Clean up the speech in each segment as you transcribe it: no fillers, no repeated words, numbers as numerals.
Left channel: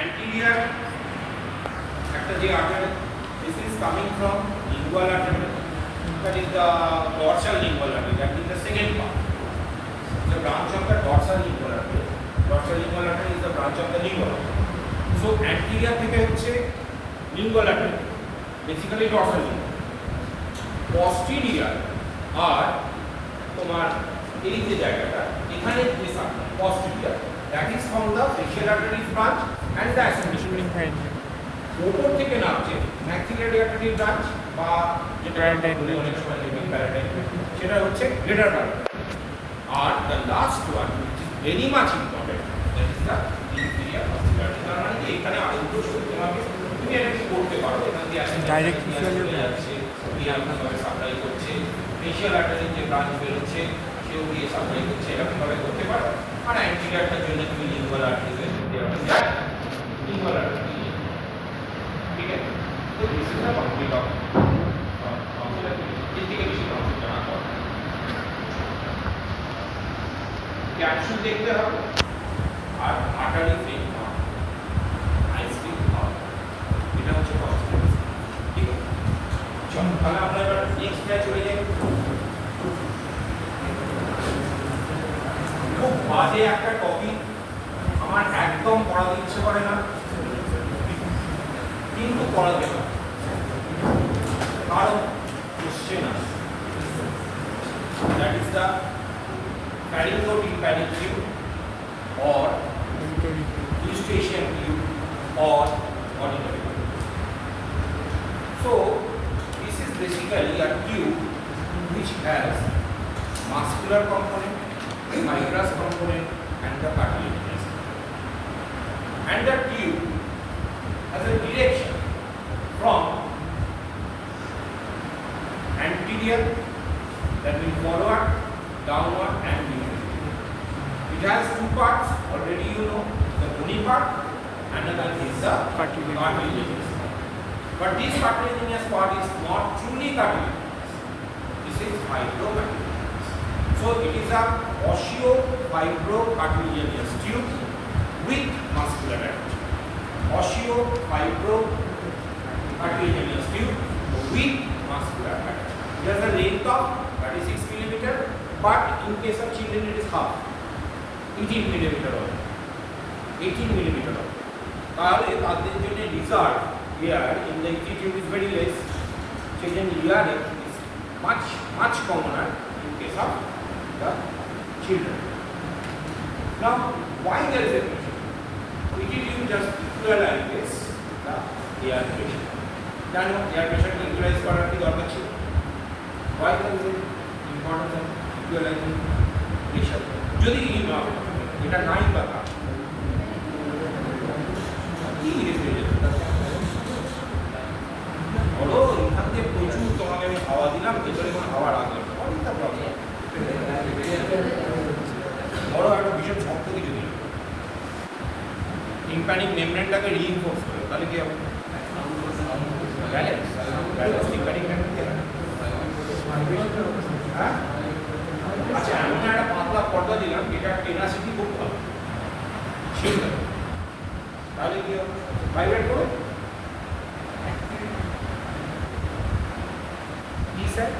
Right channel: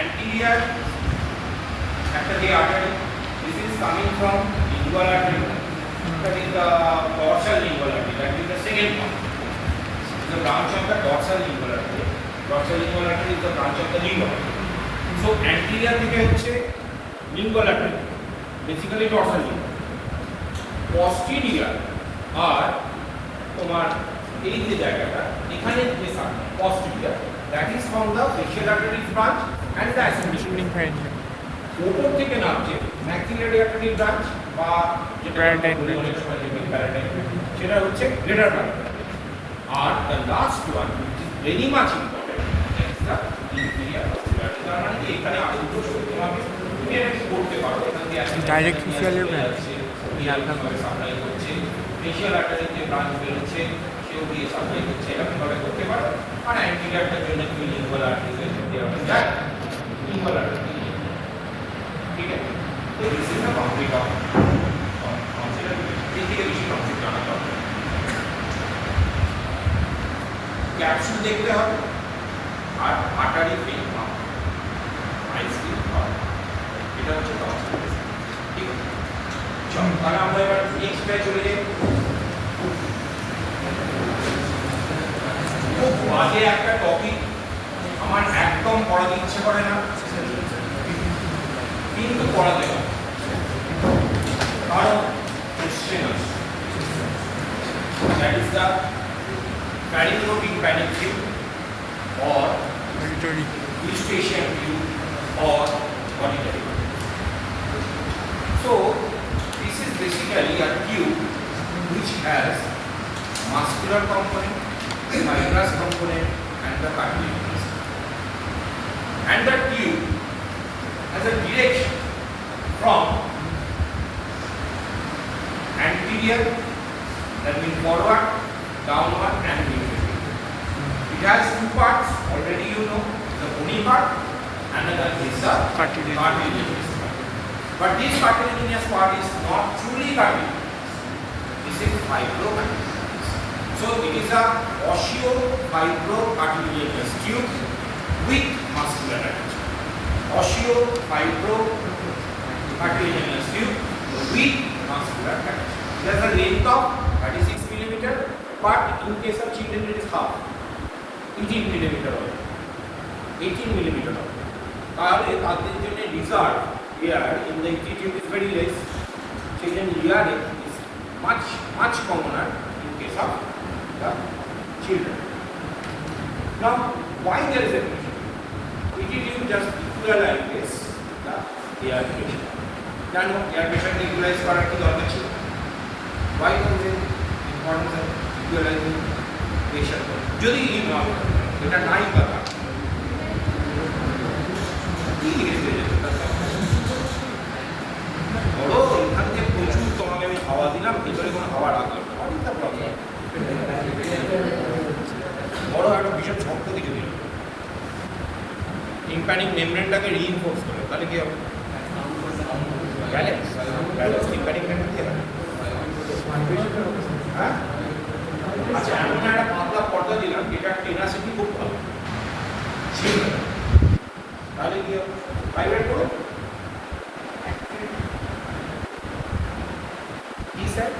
anterior একটা যে artery, this is coming from lingual artery, that is the dorsal lingual artery, that is the second part. The branch of the dorsal lingual artery. Dorsal lingual artery is the branch of the lingual artery. So anterior থেকে হচ্ছে lingual artery, basically dorsal lingual. Posterior আর তোমার এই যে জায়গাটা এখানে যে posterior, that is from the facial artery branch and the ascending pharyngeal. উপর থেকে নামছে maxillary artery branch বা যেটা palatine, সেটা হচ্ছে greater palatine. R the last one which is very much important is the inferior auditory artery. তার মানে এখানে আউটডো শুনতে হবে, তুমি একটু করতে পারো, এখানে যে ডাইরেক্ট ফেসিয়াল সাপ্লাই করছে, ফেসিয়াল আর্টারি যে ব্রাঞ্চ বেরোচ্ছে সেও দিয়ে সাপ্লাই করছে, এরকম ভাবে করতে পারো। আর অ্যান্টিরিয়রটার জন্য তুমি লিঙ্গুয়াল আর্টারিকে করতে পারো, যাক লিঙ্গুয়াল আর্টারি, ঠিক আছে। তো this is the boundary of এই থেকে বেশি কনসেপ্ট জানা দরকার। ক্যাপসুল দেখতে হবে আর আর্টারি ফেল পাওয়া, আইসক্রিম পাওয়া, এটা হচ্ছে কনসেপ্ট, ঠিক আছে। চলো তাহলে আমরা এবার নেক্সট পেজে চলে যাই। খুব বাজে একটা টপিক, আমার একদম পড়াতে ইচ্ছে করে না, কিন্তু পড়াতে হবে কারণ কোশ্চেন আছে। That is the pharyngotic panic tube or eustachian tube or auditory. So this is basically a tube which has muscular component, fibrous component and the cartilaginous. And the tube has a direction from anterior, that means forward, downward and midway. It has two parts, already you know, the bony part, another is the cartilaginous part. But this cartilaginous part is not truly cartilaginous. This is fibrocartilaginous. So it is a osseo-fibrocartilaginous tube with muscular attachment. Osseo-fibrocartilaginous tube with muscular attachment. It has a length of 36 millimeter, but in case of children it is half, 18 millimeter only. 18 millimeter only. তাহলে তাদের জন্য reserve air in the tube is very less. Children hearing is much commoner in case of the children. Now, why there is a reason? It is just equalize the air pressure. কেন air প্রেশারকে equalise করার কি দরকার ছিল? Why is it importance of equalizing pressure? যদি এটা নাই কথা কি বলো, এখান থেকে প্রচুর তোমাকে আমি হাওয়া দিলাম, ভেতরে কোনো হাওয়া রাখলাম না, অনেকটা প্রবলেম। বড় একটা ভীষণ শক্ত কিছু দিল, টিম্প্যানিক মেমব্রেনটাকে রিইনফোর্স করে, তাহলে কি হবে? ব্যালেন্স টিম্প্যানিক মেমব্রেন কি হবে? হ্যাঁ, আচ্ছা এমন একটা পাতলা পর্দা দিলাম যেটা টেনাসিটি খুব ভালো, তাহলে কি হবে? ভাইব্রেট করো। কি স্যার,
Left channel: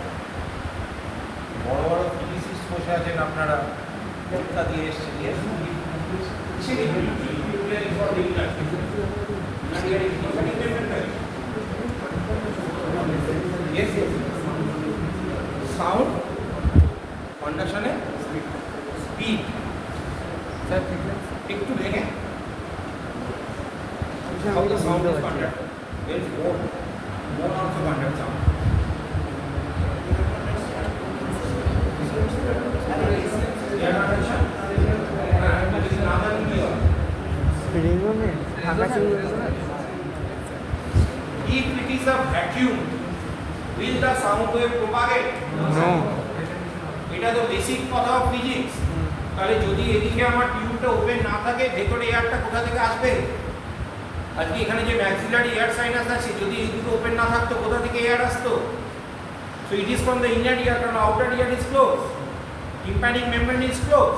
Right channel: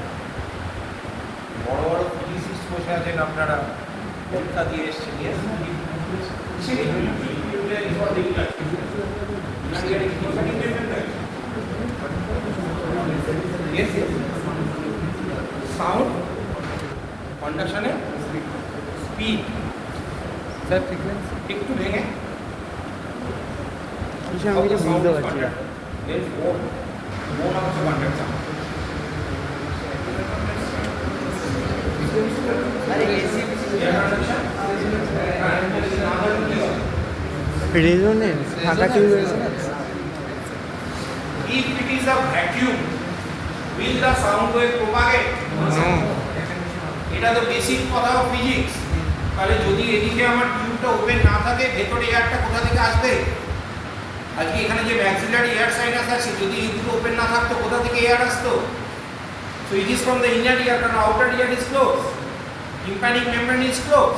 বড় বড় ফিজিসিস্ট বসে আছেন আপনারা, কলকাতা দিয়ে এসছেন, সাউন্ড কন্ডাকশনে স্পিড স্যার একটু ভেঙে sound conduct means bone also conduct sound. Resonance, resonance. If it is a vacuum, will the sound wave propagate? No. এটা তো বেসিক কথা অফ ফিজিক্স। তাহলে যদি এদিকে আমার টিউবটা ওপেন না থাকে, ভেতরে এয়ারটা কোথা থেকে আসবে? আজকে এখানে যে ম্যাক্সিলারি এয়ার সাইনাস আছে, যদি এই দুটো ওপেন না থাকতো কোথা থেকে এয়ার আসতো? So it is from the inner ear, কারণ outer ear is close, tympanic membrane is close,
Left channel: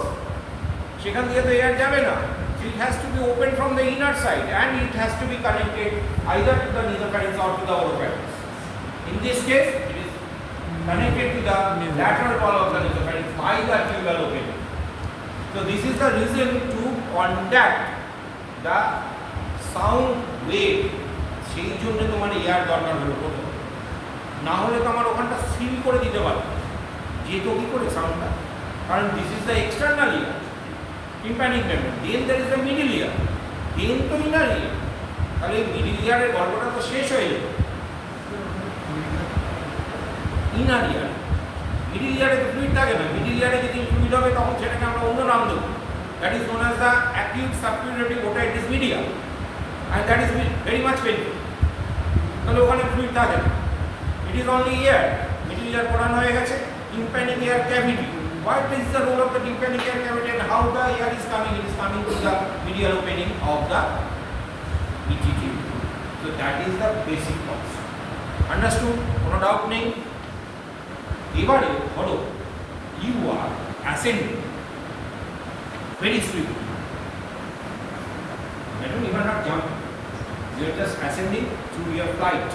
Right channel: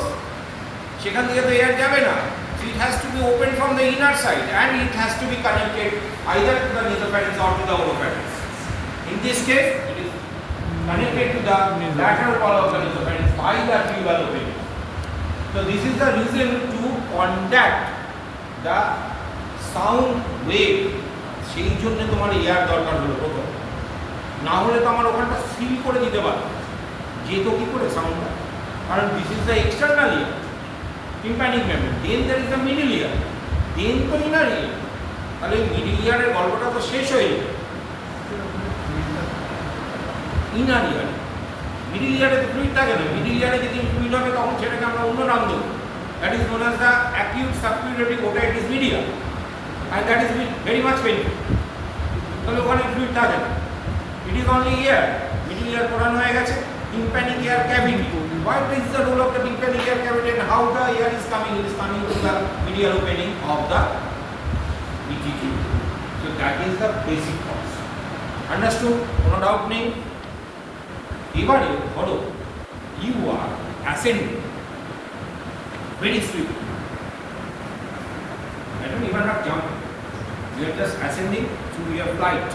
সেখান থেকে তো এয়ার যাবে না। So it has to be opened from the inner side and it has to be connected either to the nasopharynx or to the oropharynx. In this case, it is connected to the lateral wall of the nasopharynx by the tubal opening. So this is the reason to conduct the sound wave. সেই জন্য তোমার air দরকার হলো প্রথম, না হলে তো আমার ওখানটা সিল করে দিতে পারো, যেত কি করে সাউন্ডটা, কারণ this is the external ear tympanic membrane, then there is the middle ear, then তো ইনার ইয়ার। তাহলে মিডল ইয়ারের গল্পটা তো শেষ হয়ে যাবে ইনার ইয়ারে। মিডল ইয়ারে তো ফ্লুইড থাকে না, মিডল ইয়ারে যেদিন ফ্লুইড হবে তখন সেটাকে আমরা অন্য নাম দেবো, that is known as the acute suppurative otitis media, and that is very much painful. তাহলে ওখানে ফ্লুইড থাকে না, it is only ear, middle ear পড়ানো হয়ে গেছে। Tympanic ear cavity, what is the role of the tympanic ear cavity and how the air is coming? It is coming to the medial opening of the ETT. So that is the basic concept. Understood? কোনো doubt নেই? এবারে ধরো you are ascending very swiftly. I don't even have jump. You are just ascending through your flight.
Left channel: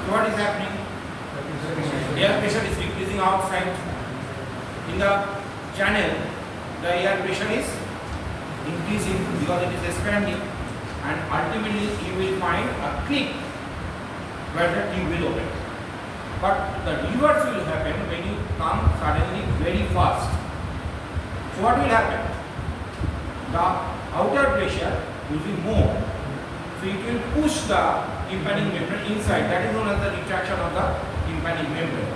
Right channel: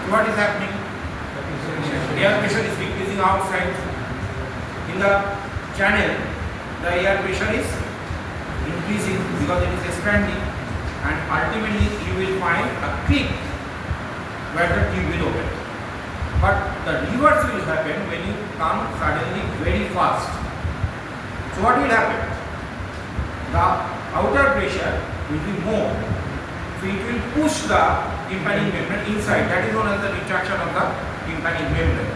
So what is happening? Air pressure is decreasing outside. In the channel, the air pressure is increasing because it is expanding, and ultimately you will find a click where the tube will open. But the reverse will happen when you come suddenly very fast. So what will happen? The outer pressure will be more, so it will push the tympanic membrane inside. That is known as the retraction of the tympanic membrane.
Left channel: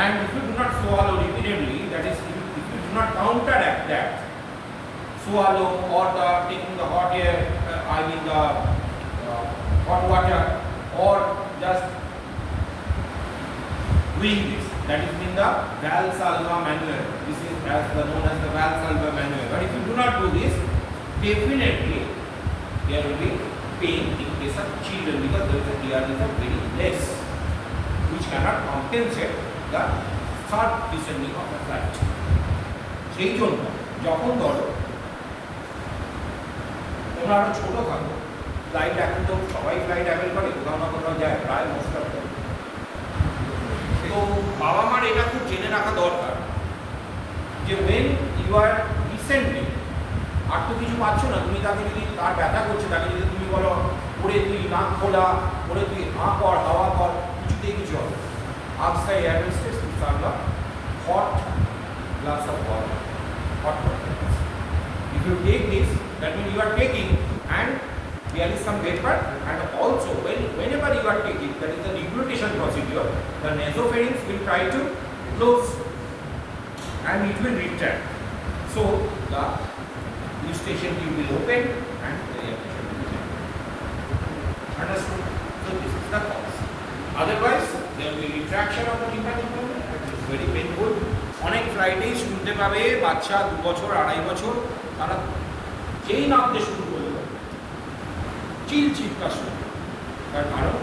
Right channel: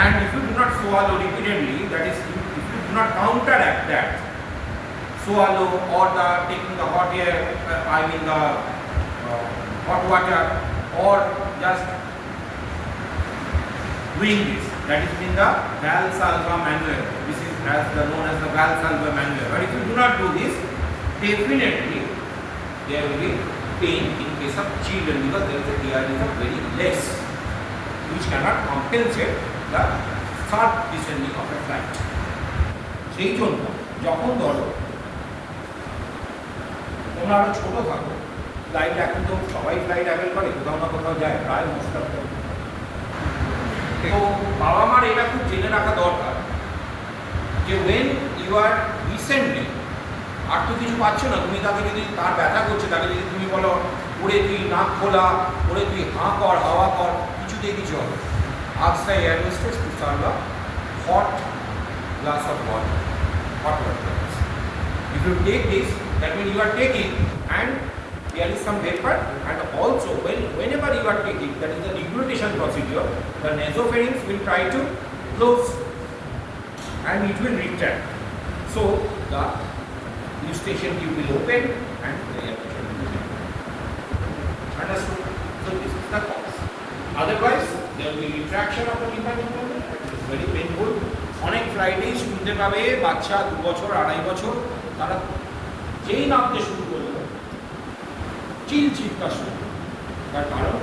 And if you do not swallow repeatedly, that is, if you do not counteract that, swallow or the taking the hot air, the hot water, or just doing this, that is in the Valsalva manual. This is known as the Valsalva manual. But if you do not do this, definitely there will be pain in case of children because there is a air is very less, which cannot compensate the third descending of a flight. সেই জন্য যখন ধরো তোমরা আরো ছোট থাকো, flight এখন তো সবাই ফ্লাইট অ্যাভেল করে, কোথাও না কোথাও যায়, প্রায় মোস্ট অফ দ্য। তো বাবা মার এটা খুব জেনে রাখা দরকার যে ওয়েন ইউ আর রিসেন্টলি, আর তো কিছু পাচ্ছ না, তুমি তাকে যদি তার ব্যথা করছে তাকে যদি তুমি বলো ওরে তুই নাক খোলা, ওরে তুই হাঁ কর, হাওয়া কর, কিছুতেই কিছু হবে। Ask the air hostess to serve a hot glass of water, hot water. If you take this, that means you are taking and there is some vapor, and also whenever you are taking, that is the deglutition procedure, the nasopharynx will try to close and it will retract. So the eustachian tube will open and the air pressure will open. Understood? So this is the cause. Otherwise, there will be retraction of the tympanic membrane. It is very painful. অনেক ফ্লাইটেই শুনতে পাবে বাচ্চা 2 বছর 2.5 বছর তারা যেই নামতে শুরু করবে চিৎকার শুরু, তার কারণ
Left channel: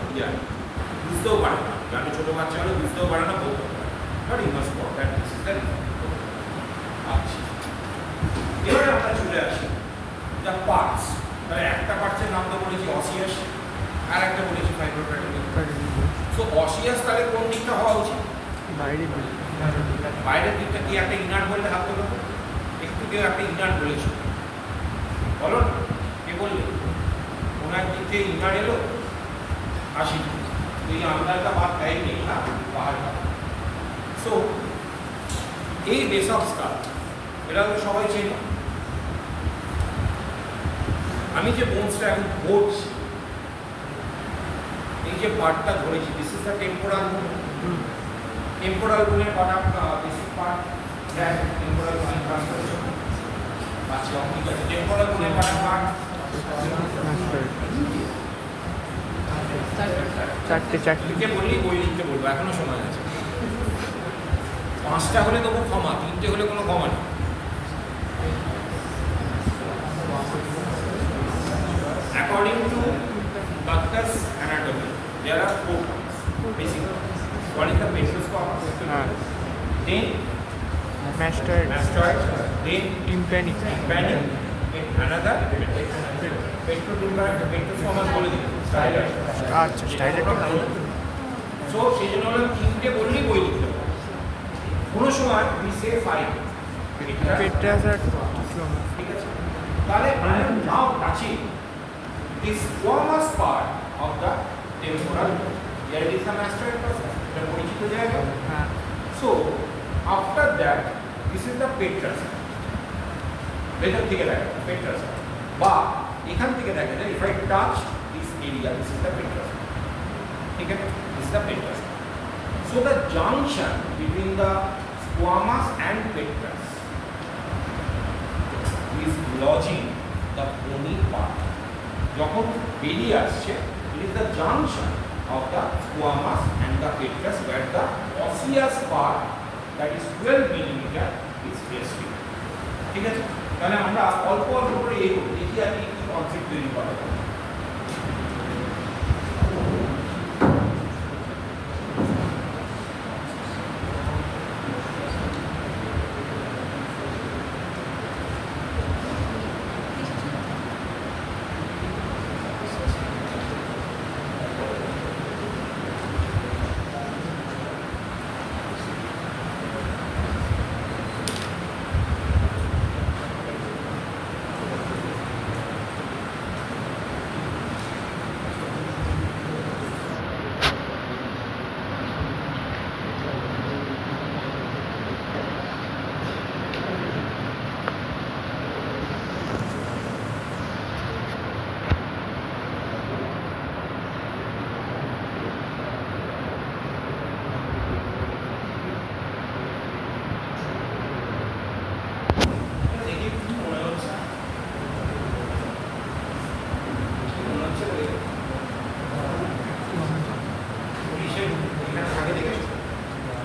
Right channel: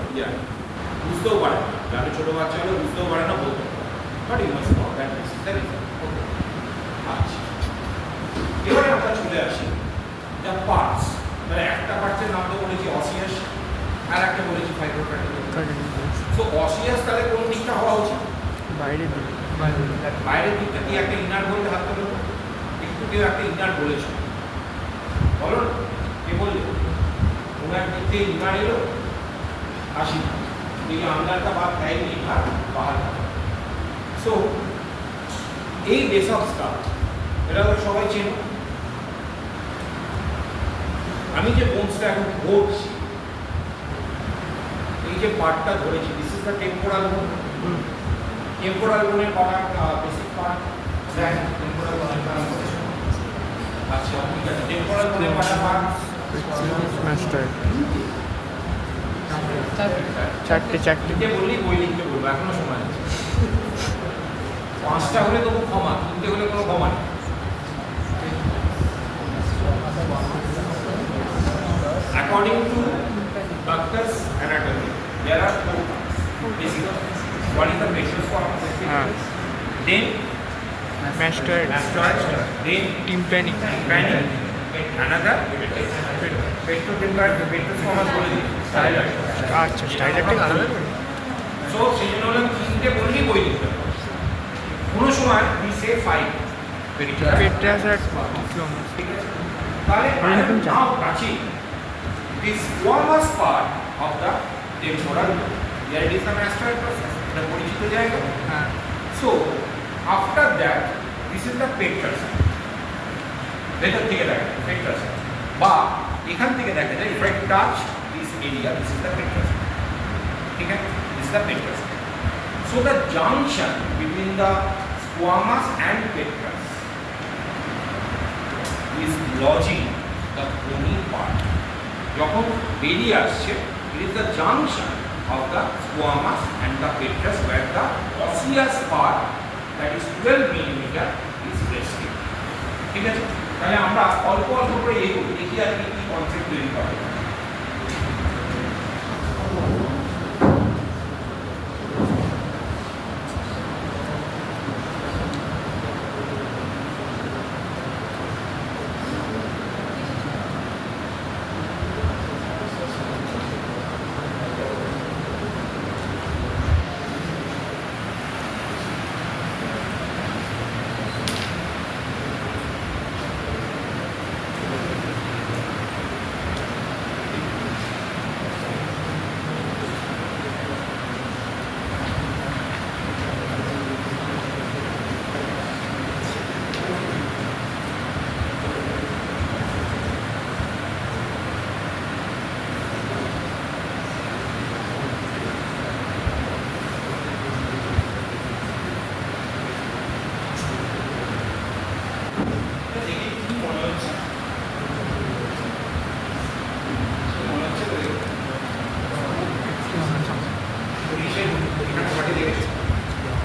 বুঝতেও পারে না, যারা ছোটো বাচ্চা হলে বুঝতেও পারে না, বলতে পারে, but you must know that this is the reason. আচ্ছা, এবারে আমরা চলে আসি দ্য পার্টস। মানে একটা পার্টসের নাম তো বলেছি অসিয়াস, আর একটা বলেছি ফাইব্রোকার্টিলেজ। সো অসিয়াস তাহলে কোন দিকটা হওয়া উচিত? বাইরের দিকে। বাইরের দিকটা কি একটা ইনার বললে হাত তোলো, একটু কেউ একটা ইনার বলেছো, বলো না, কে বললে? কোনো একদিক থেকে ইনার এলো, আসি এই আন্দারটা বাদ দেয়নি, না পাহাড়টা। সো এই বেস অফ স্কাল এটা তো সবাই চেনে। আমি যে বোনসটা এখন ধরছি, এই যে পার্টটা ধরেছি, দিস ইজ দ্য টেম্পোরাল বোন। টেম্পোরাল বোনের বানাম বেসিক পার্ট, দেন টেম্পোরাল বোনের বানাম করেছে। আচ্ছা, ঠিক আছে, টেম্পোরাল বোনের বানাম মাস্টার চারটে লিখে বললি, বই লিখতে বলবো, এখনো সময় আছে। 5টা হলে তবু ক্ষমা, 3টে হলে কোনো ক্ষমা নেই। According to Bachter's anatomy, there are 4 parts basically. What is the facial part? Then mastoid, then tympanic, tympanic, another petrospermous বলে দিই আচ্ছা স্টাইলেটিক আলাদা সো সেই জন্য হলো তিনটে বললেই বই লিখতে হবে কোনো সময় we say 5 পেট্রাস আর টিকিওমাস ঠিক আছে তাহলে নাও কাছি this squamous part of the temporal there it is the mastoid process এটা পরিচিত জায়গা হ্যাঁ so after that this is the petrous ভেতর থেকে দেখা পেট্রাস বা এখান থেকে দেখা যায় if I touch this area this is the petrous ঠিক আছে this is the petrous so the junction between the squamous and petrous is lodging the bony part যখন বেরিয়ে আসছে it is the junction of the squamous and the petrous where the osseous part that is 12 millimeter is resting ঠিক আছে তাহলে আমরা অল্প অল্প করে এগোবো দেখি আর কি কনসেপ্ট তৈরি করা যায়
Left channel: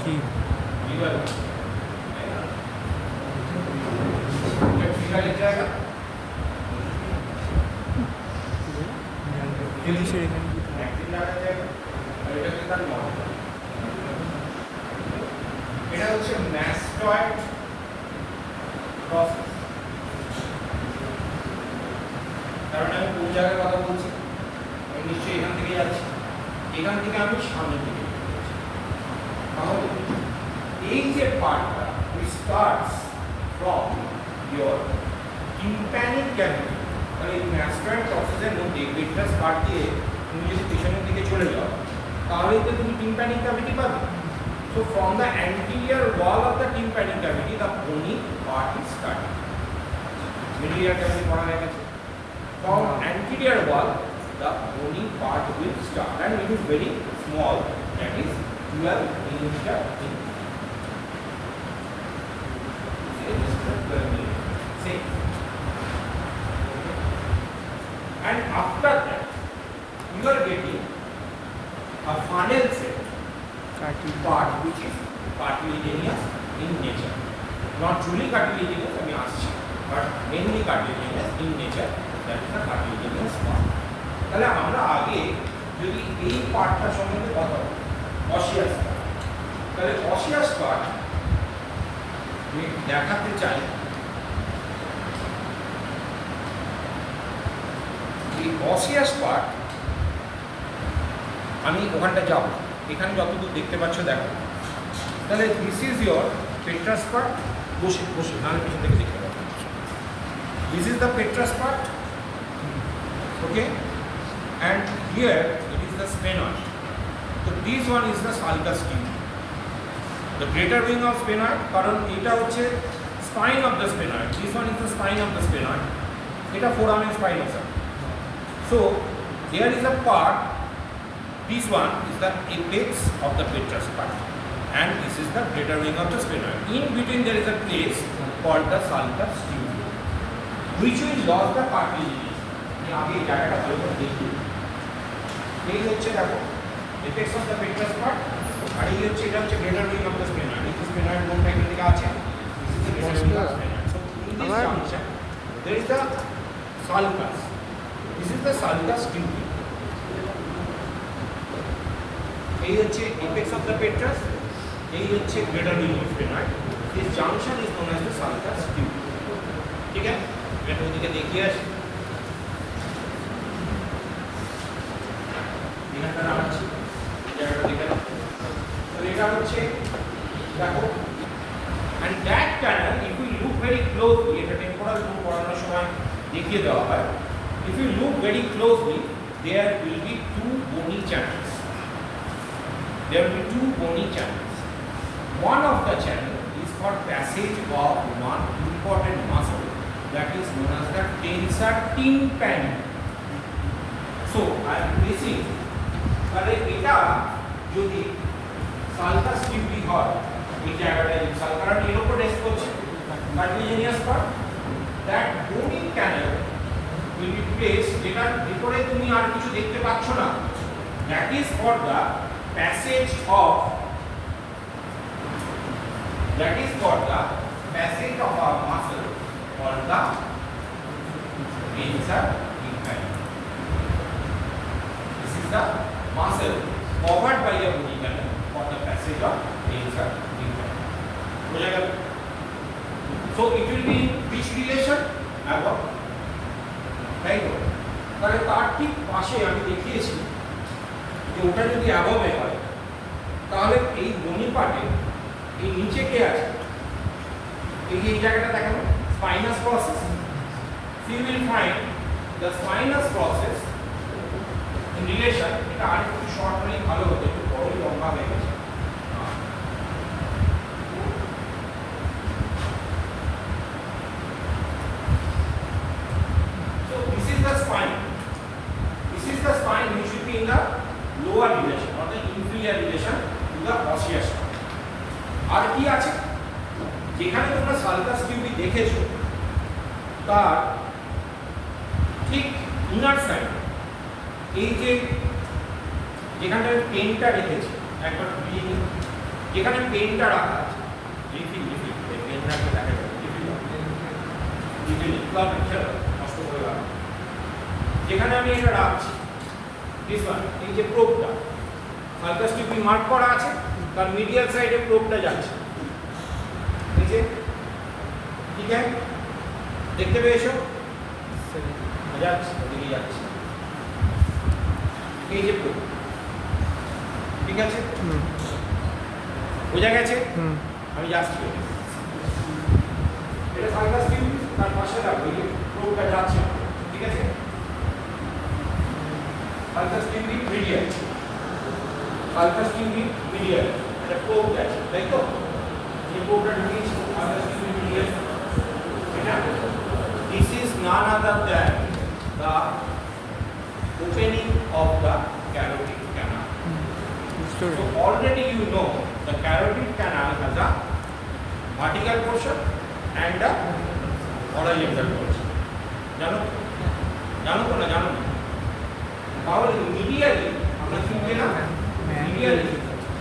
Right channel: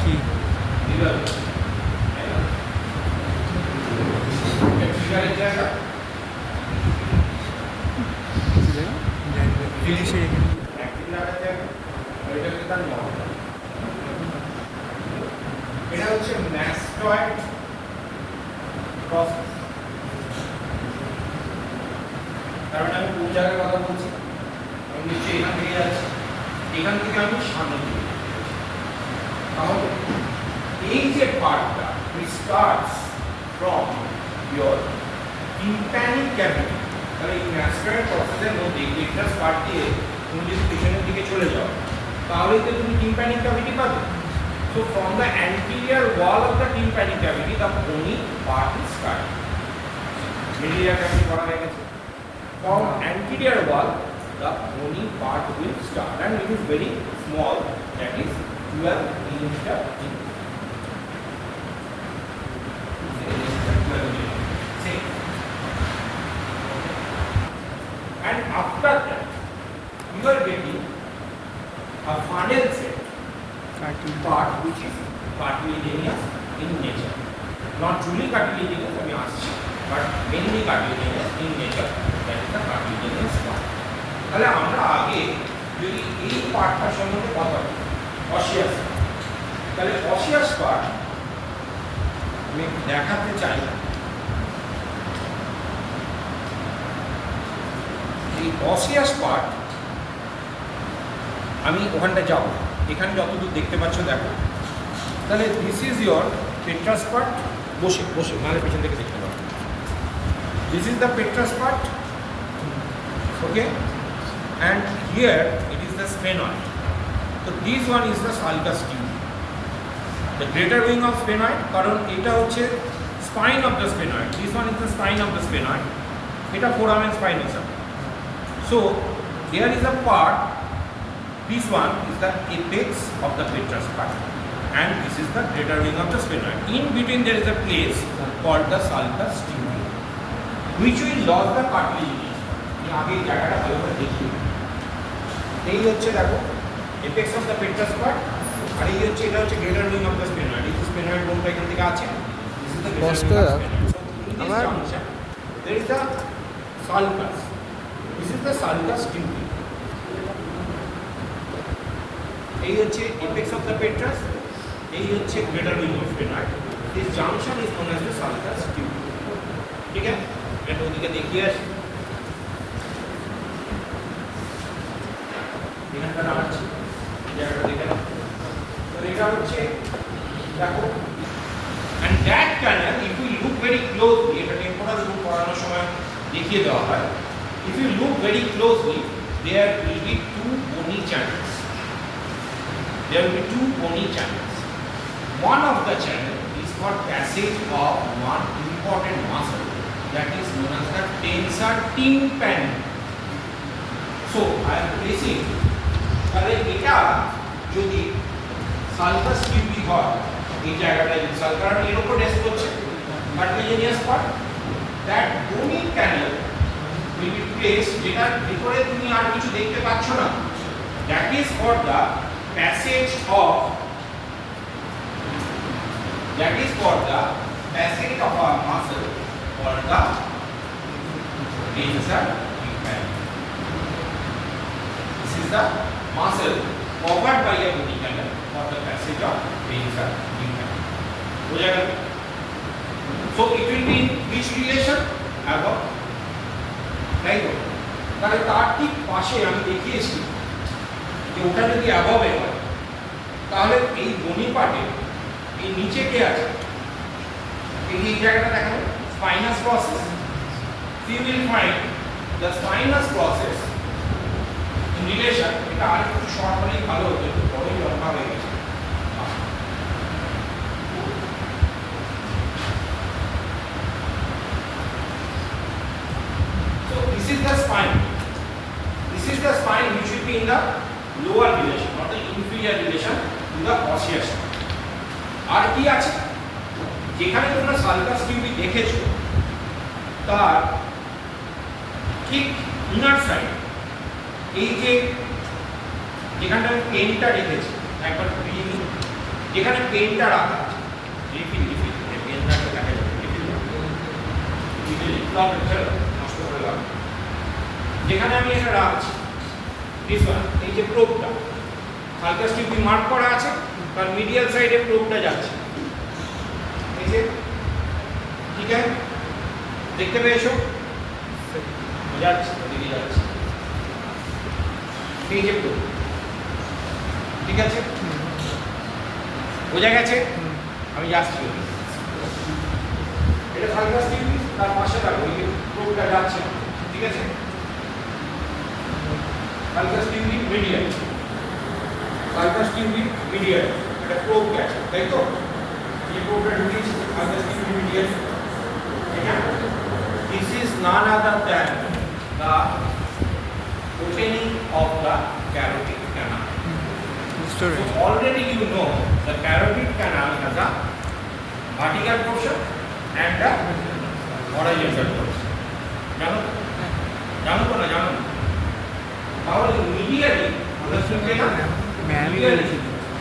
কি জিনিসের এটা হচ্ছে ম্যাস্টয়েড প্রসেস কারণ আমি কোন জায়গায় কথা বলছি আমি নিশ্চয়ই এখান থেকে যাচ্ছি এখান থেকে আমি সামনে দিকে তাহলে এই যে পার্টটা starts from your tympanic cavity তাহলে এই ম্যাস্টয়েড প্রসেসের মধ্যে পেট্রাস পার্ট দিয়ে তুমি যদি পেছনের দিকে চলে যাও তাহলেই তো তুমি টিম্প্যানিক ক্যাভিটি পাবে so from the anterior wall of the tympanic cavity the bony part is starting medial cavity পড়া হয়ে গেছে from anterior wall the bony part will start and it is very small that is 12 millimeter in and after that you are getting a funnel shape part which is cartilaginous in nature not truly cartilaginous I mean but mainly cartilaginous in nature that is the cartilaginous part তাহলে আমরা আগে যদি এই পার্টটা সম্বন্ধে কথা বলি osseous তাহলে অসিয়াস পার্ট আমি দেখাতে চাই এই অসিয়াস পার্ট আমি ওখানটা যাব এখানে যতদূর দেখতে পাচ্ছ দেখো তাহলে this is your petrous part বসে বসে নালে পিছন থেকে দেখতে পাবো this is the petrous part okay and here it is the sphenoid তো this one is the sulcus tube the greater wing of sphenoid কারণ এটা হচ্ছে spine of the sphenoid this one is the spine of the sphenoid এটা foramen spinosum so here is a part this one is the apex of the petrous part and this is the greater wing of the sphenoid. In between there is a place called the sulcus tubule which will lodge the cartilage. ये आगे জায়গাটা ভালো করে দেখি এই হচ্ছে দেখো apex of the petrous part আর এই হচ্ছে এটা হচ্ছে greater wing of the sphenoid. এই sphenoid বোনটা এখান থেকে আছে this is the greater wing of the sphenoid. So in this junction there is the sulcus. This is the sulcus tubule. এই হচ্ছে apex of the petrous এই হচ্ছে greater wing of sphenoid this junction is known as the sulcus tubule ঠিক আছে এটা ওদিকে দেখিয়ে আসি। এখানটা নামাচ্ছি, জায়গাটা দেখে নাও। তো এটা হচ্ছে দেখো, and that canal if you look very closely, এটা টেম্পোরাল রুম পড়ানোর সময় দেখিয়ে দেওয়া হয়, if you look very closely there will be two bony channels. There will be two bony channels. One of the channel is called passage of one important muscle that is known as the tensor tympani. So I am placing, তাহলে এটা যদি sulcus টিউবি হয়, এই জায়গাটায় যদি sulcus এর উপর rest করছে কার্টিলেজিয়াস part, that bony canal will be placed, যেটার ভিতরে তুমি আর কিছু দেখতে পাচ্ছ না, that is for the passage of a muscle or the tensor tympani. This is the muscle covered by a bony canal for the passage of tensor tympani. বোঝা গেল? So it will be in which relation? Above. তাই তো? তাহলে তার ঠিক পাশে আমি দেখিয়েছি যে ওটা যদি অ্যাবভে হয়, তাহলে এই বনি পার্টে এই নিচে কে আছে? এই জায়গাটা দেখানো spinous process. You will find the spinous process in relation, এটা আর একটু শর্ট হলেই ভালো হতো, একটু বড়ই লম্বা হয়ে গেছে। So this is the spine. This is the spine which should be in the lower relation or the inferior relation to the osseous. আর কি আছে? যেখানে তোমরা সালকাস টিউবি দেখেছো তার ঠিক ইনার সাইড, এই যে যেখানটা পেনটা রেখেছি একবার যেখানে পেনটা রাখা আছে, রিফিল পেনটা দেখা যাবে, নষ্ট করে রাখা, যেখানে আমি এটা রাখছি দিস ওয়ান, এই যে প্রোবটা সালকাস টিউবি মার্ক করা আছে, তার মিডিয়াল সাইডে প্রোবটা যাচ্ছে, এই যে, ঠিক আছে, দেখতে পেয়েছো? যাচ্ছে ওদিকে যাচ্ছে, এই যে প্রোব, ঠিক আছে, বোঝা গেছে? আমি যাচ্ছি, এটা সালকাস টিউবি, তার পাশে রাখবো, এই যে প্রোবটা যাচ্ছে, ঠিক আছে, সালকাস টিউবি মিডিয়াল, সালকাস টিউবি মিডিয়াল, এটা প্রোব গেছে, তাই তো? এই প্রোবটা ঢুকিয়েছি সালকাস টিউবি মিডিয়াল, ঠিক আছে? This is none other than the opening of the carotid canal. So already you know the carotid canal has a vertical portion and a horizontal portion. জানো? জানো তো না জানো না? তাহলে medially আমরা কি পেলাম? Medially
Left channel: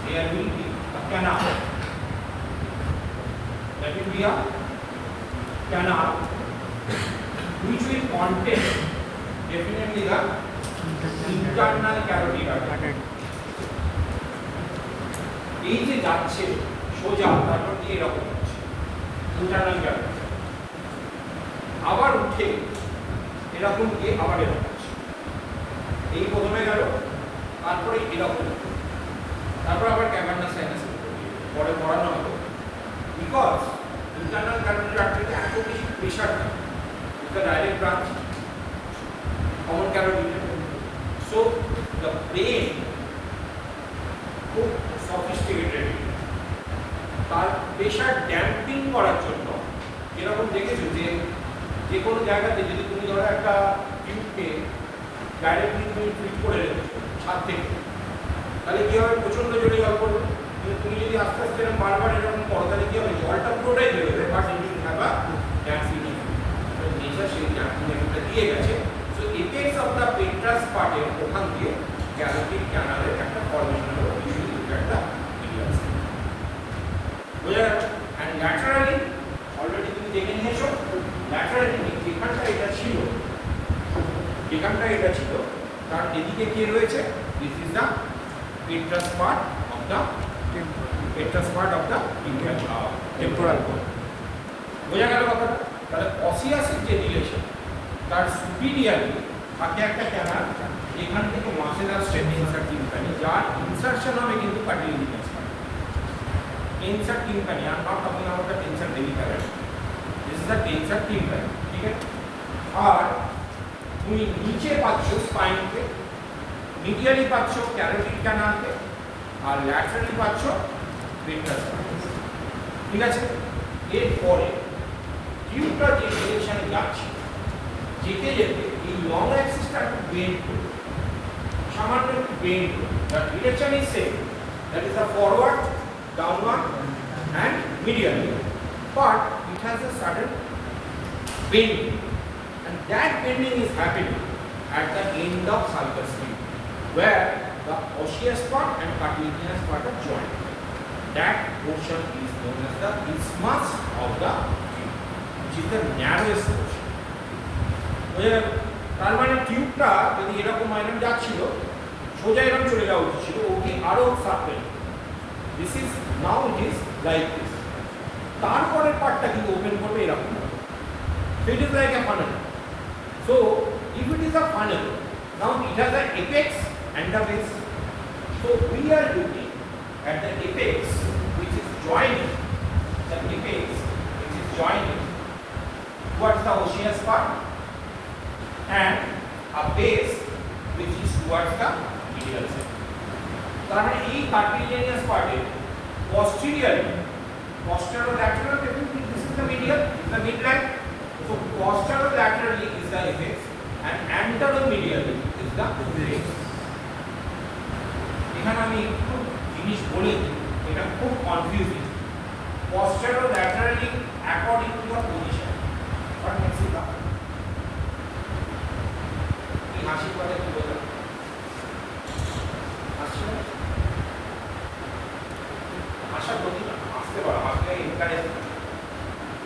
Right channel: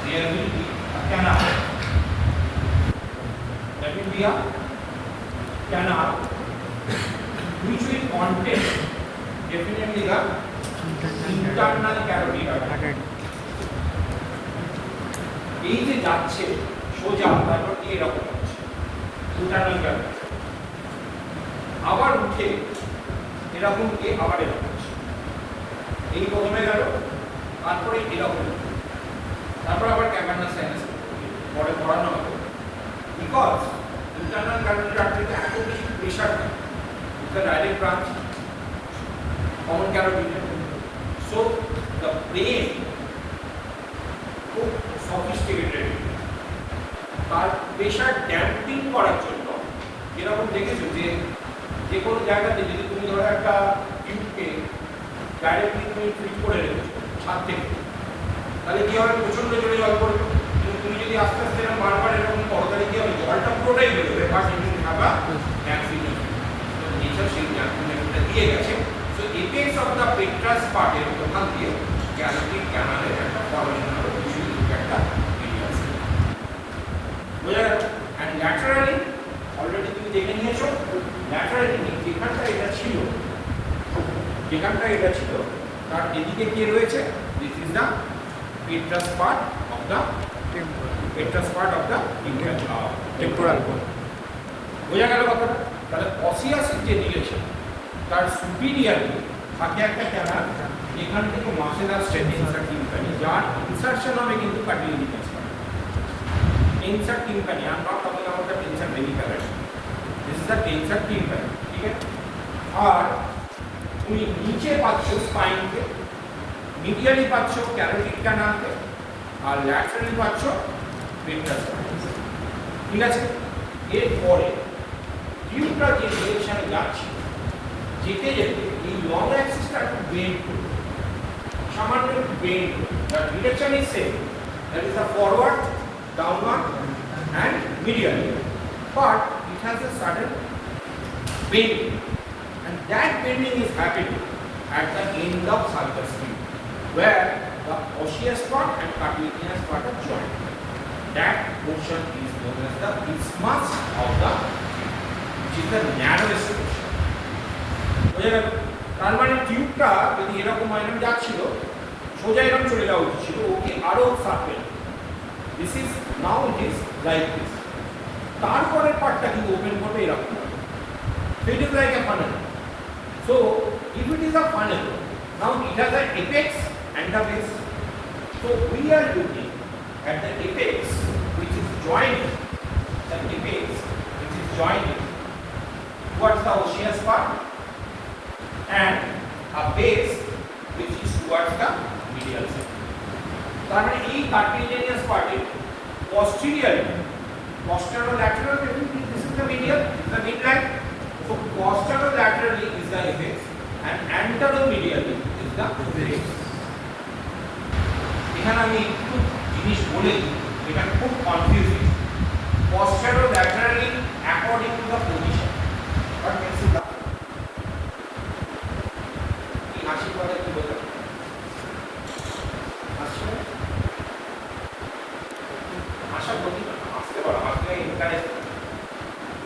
there will be a canal. That will be a canal which will contain definitely the internal carotid artery. এই যে যাচ্ছে সোজা, তারপর কি এরকম হচ্ছে ইন্টারনাল ক্যারোটিড, আবার উঠে এরকম গিয়ে আবার এরকম হচ্ছে, এই প্রথমে গেল, তারপরে এরকম, তারপর আবার ক্যাভার্নাস সাইনাস পরে পড়ানো হতো, বিকজ ইন্টারনাল ক্যারোটিড আর্টারিতে এত বেশি pressure, the direct branch, common carotid. So the brain খুব sophisticated, তার প্রেশার ড্যাম্পিং করার জন্য, যেরকম দেখেছো যে কোনো জায়গাতে যদি তুমি ধরো একটা টিউবকে ডাইরেক্টলি তুমি ফিট করে দেবে ছাদ থেকে, তাহলে কি হবে? প্রচন্ড জোরে জল পড়বে। তুমি যদি আস্তে আস্তে এরকম বারবার এরকম করো, তাহলে কি হবে? জলটা পুরোটাই বেরোবে, but you have a damping. সেই ড্যাম্পিংটা দিয়ে গেছে। So apex of the petrous পার্টের ওখান দিয়ে ক্যারোটিড ক্যানালের একটা ফর্মেশন হলো, একটা এরিয়া আছে, বোঝা গেল? অ্যান্ড ল্যাটারালি অলরেডি তুমি দেখে নিয়েছো, ল্যাটারালি যেখানটা এটা ছিল তার এদিকে কে রয়েছে? This is the petrous part of the temporal bone. বোঝা গেল কথাটা? তাহলে অসিয়াসের যে রিলেশন তার সুপিরিয়ারলি থাকে একটা ক্যামেরা যেখান থেকে মাসেল আর স্ট্রেন ইনসার্ট টিম্পানি যার ইনসার্শন হবে কিন্তু cartilaginous part insert tympani are not talking about the tensor veli cavity this is the tensor tympani ঠিক আছে আর তুমি নিচে পাচ্ছ স্পাইনকে মিডিয়ালি পাচ্ছ ক্যারোটিড ক্যানালকে আর ল্যাটারালি পাচ্ছ পেট্রাস ঠিক আছে এরপরে টিউবটা যে ডিরেকশনে যাচ্ছে যেতে যেতে এই লং অ্যাক্সিসটা একটু বেন্ড করবে সামান্য একটু বেন্ড করবে the direction is same that is the forward downward and medially but it has a sudden bending and that bending is happening at the end of sulcus tube where the osseous part and cartilaginous part are joined. That portion is known as the isthmus of the tube, which is the narrowest portion. বুঝে গেল তার মানে টিউবটা যদি এরকম iron যাচ্ছিল সোজা এরকম চলে যাওয়া উচিত ছিল ওকে আরো circle this is now it is like this তারপরের পার্টটা কিন্তু ওপেন করবে এরকম So it is like a funnel. So if it is a funnel, now it has the apex and the base. So we are looking at the apex which is joined, the apex which is joined towards the osseous part and a base which is towards the medial side. তার মানে এই cartilaginous part posterolateral this is the medial, the midline. So posterolaterally is the apex and anteromedially is the base. এখানে আমি একটু জিনিস বলে এটা খুব confusing posterolaterally according to the position what makes it up এই হাসি পড়ে কি বলবো আসলে আশা করি না আসতে পারো আসলে এখানে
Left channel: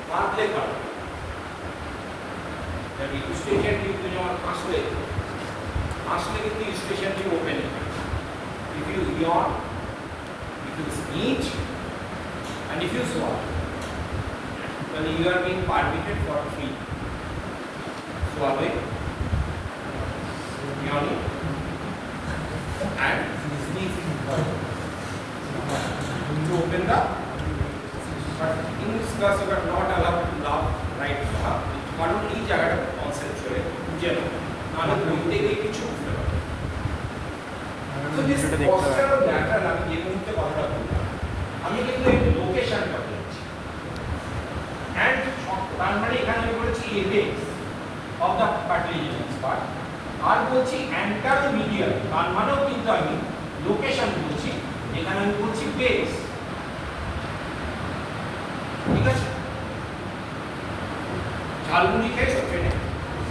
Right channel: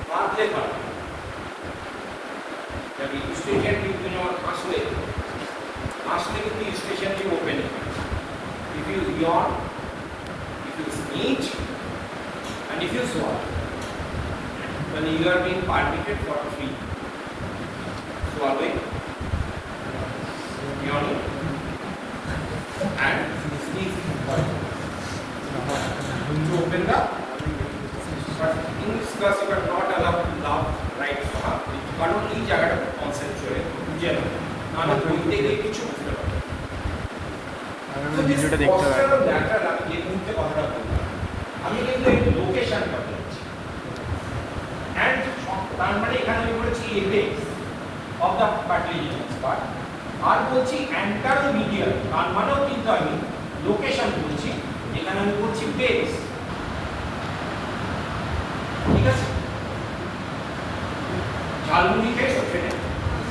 পারলে করা The registration tube আসলে কিন্তু registration tube open. If you yawn, if you sneeze, and if you swallow, then you are being permitted for free. Swallowing, yawning, and sneezing. To open the, but in class you are not allowed to laugh right now. কারণ এই জায়গাটা concept চলে বুঝে আমরা বই থেকে কিছু বুঝতে পারি তো দিস পোস্টার ডাটাটা এই মুহূর্তে কথাটা বললাম আমি কিন্তু এই লোকেশন কথা বলছি এন্ড তার মানে এখানে আমি বলছি apex of the cartilaginous part আর বলছি অ্যান্টারোমিডিয়াল তার মানেও কিন্তু আমি লোকেশন বলছি এখানে আমি বলছি বেস ঠিক আছে ঝালমুড়ি খেয়েছো ট্রেনে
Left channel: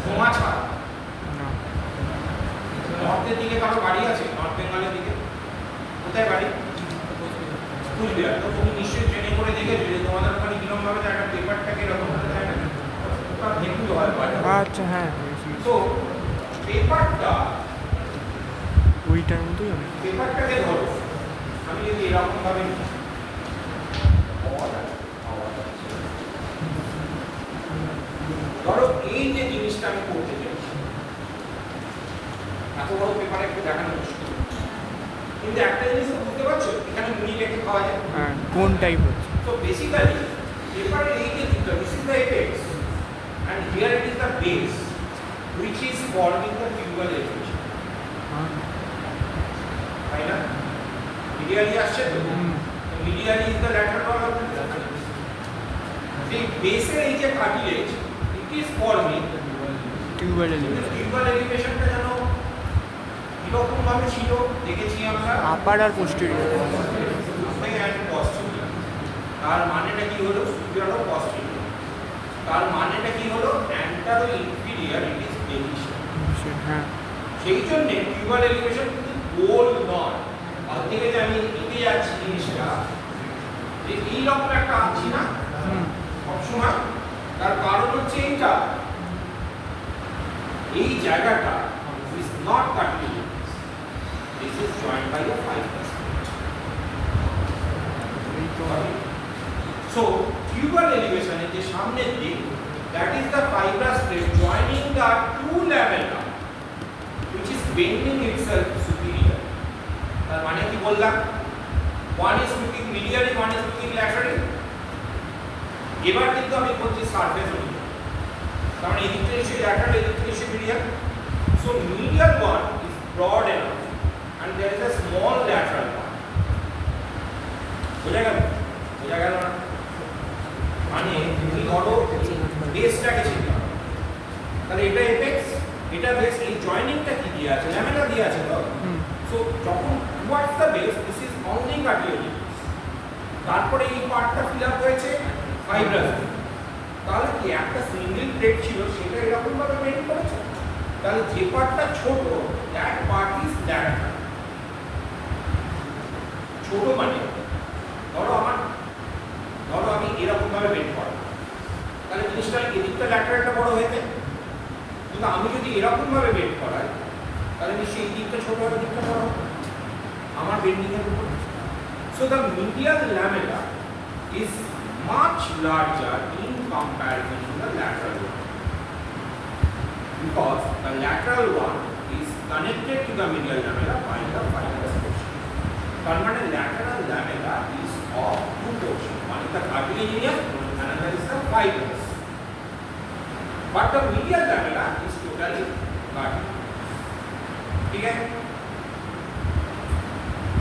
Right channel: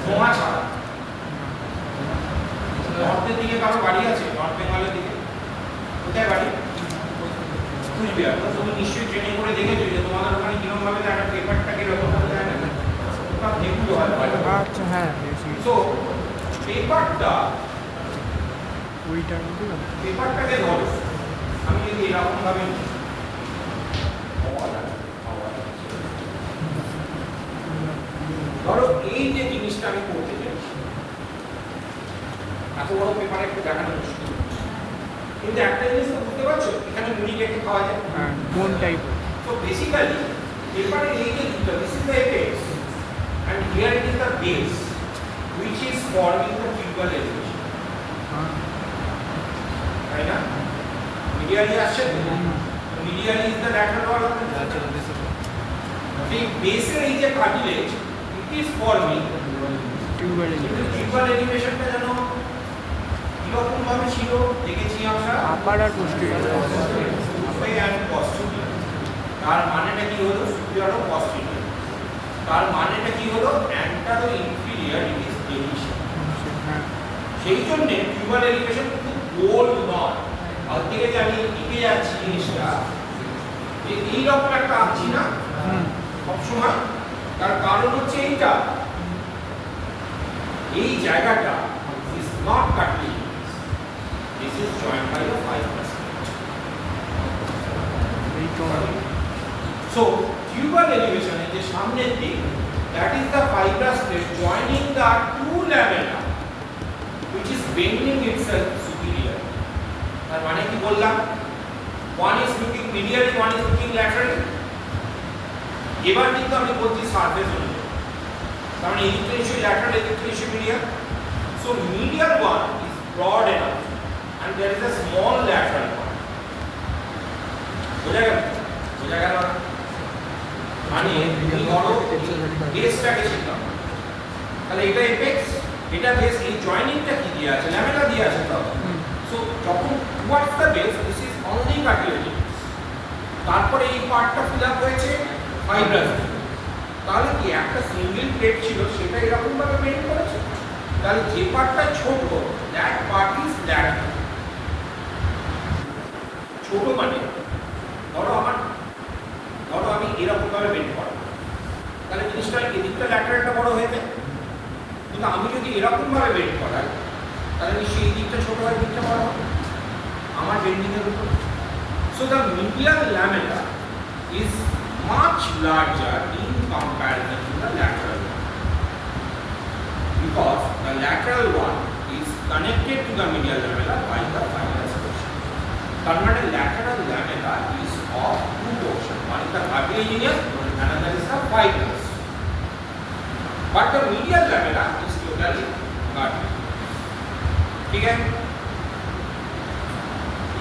ধোঁয়া ছাড়া নর্থের দিকে কারো বাড়ি আছে নর্থ বেঙ্গলের দিকে কোথায় বাড়ি কুচবিহার তো তুমি নিশ্চয়ই ট্রেনে করে দেখেছো যে তোমাদের ওখানে কিরকম ভাবে একটা পেপারটা কিরকম ভাবে দেয় না ওটা দেখতে হয় আচ্ছা হ্যাঁ তো পেপারটা ওই টাইম তো পেপারটাকে ধরো আমি যদি এরকম ভাবে ধরো এই যে জিনিসটা আমি করতে চাইছি এত বড় পেপারে একটু দেখানো মুশকিল কিন্তু একটা জিনিস তো বুঝতে পারছো এখানে মুড়ি কেটে খাওয়া যায় কোন টাইপের তো বেসিক্যালি পেপারের এই যে দিকটা this is the apex and here it is the base which is forming the tubal elevation তাই না মিডিয়ালি আসছে তো medially is the lateral wall of the এই বেসের এই যে কার্টিলেজ is forming tubal elevation-টা যেন কিরকম ভাবে ছিল দেখেছি আমরা আপার আর পোস্টেরিয়র and posterior তার মানেটা কি হলো superior ও posterior তার মানেটা কি হলো anterior inferior it is deviation সেই জন্য টিউবাল এলিভেশন কিন্তু গোল নয় আর থেকে যে আমি এঁকে যাচ্ছি জিনিসটা যে এইরকম একটা আঁকছি না সবসময় তার কারণ হচ্ছে এইটা এই জায়গাটা is not cartilaginous this is joined by a fibrous plate so tubal elevation এর যে সামনের দিক that is the fibrous plate joining the two lamella which is bending itself superior. তার মানে কি বললাম, one is looking medially, one is looking laterally. এবার কিন্তু আমি বলছি সারফেস অনুযায়ী, তার মানে এদিকটা নিশ্চয়ই ল্যাটারাল, এদিকটা নিশ্চয়ই medial. So medial one is broad enough and there is a small lateral one. বোঝা গেল? বোঝা গেল না? মানে তুমি ধরো বেসটাকে চিন্তা করো, তাহলে এটা এপেক্স, এটা বেস, এই জয়েনিংটা কি দিয়ে আছে, ল্যামেলা দিয়ে আছে তো। সো যখন towards the base this is only cartilage, তারপরে এই পার্টটা ফিল আপ হয়েছে ফাইব্রাস। তাহলে কি একটা সিঙ্গেল প্লেট ছিল সেটা এরকম ভাবে বেন্ড করেছে, তাহলে যে পার্টটা ছোট দ্যাট পার্ট ইজ ল্যাটারাল। ছোট মানে ধরো আমি এরকম ভাবে বেন্ড করব, তাহলে জিনিসটা এদিকটা ল্যাটারালটা বড় হয়ে যায়। কিন্তু আমি যদি এরকম ভাবে বেন্ড করাই তাহলে নিশ্চয়ই এই দিকটা ছোট হয়, দিকটা বড় হবে আমার বেন্ডিং এর উপর। So the medial lamella is much larger in comparison to the lateral one, because the lateral one is connected to the medial lamella by the fibrous portion. তার মানে lateral lamella is of two portions, one is the cartilaginous, another is the fibrous, but the medial lamella is totally cartilaginous. ঠিক আছে,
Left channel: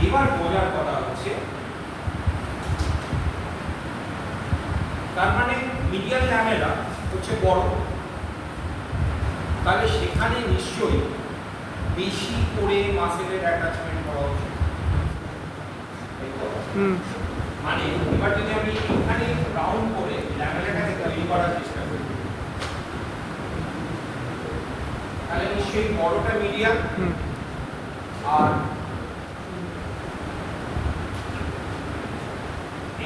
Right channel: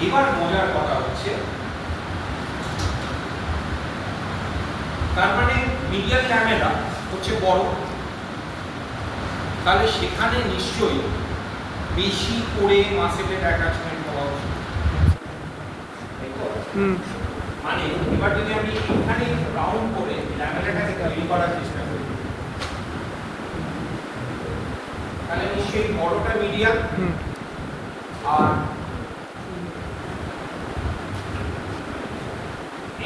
এবার বোঝার কথা হচ্ছে তার মানে মিডিয়াল ল্যামেলা হচ্ছে বড়, তাহলে সেখানে নিশ্চয়ই বেশি করে মাসেলের অ্যাটাচমেন্ট করা উচিত। মানে এবার যদি আমি এখানে রাউন্ড করে ল্যামেলাটাকে তৈরি করার চেষ্টা করি তাহলে নিশ্চয়ই বড়টা মিডিয়াল, আর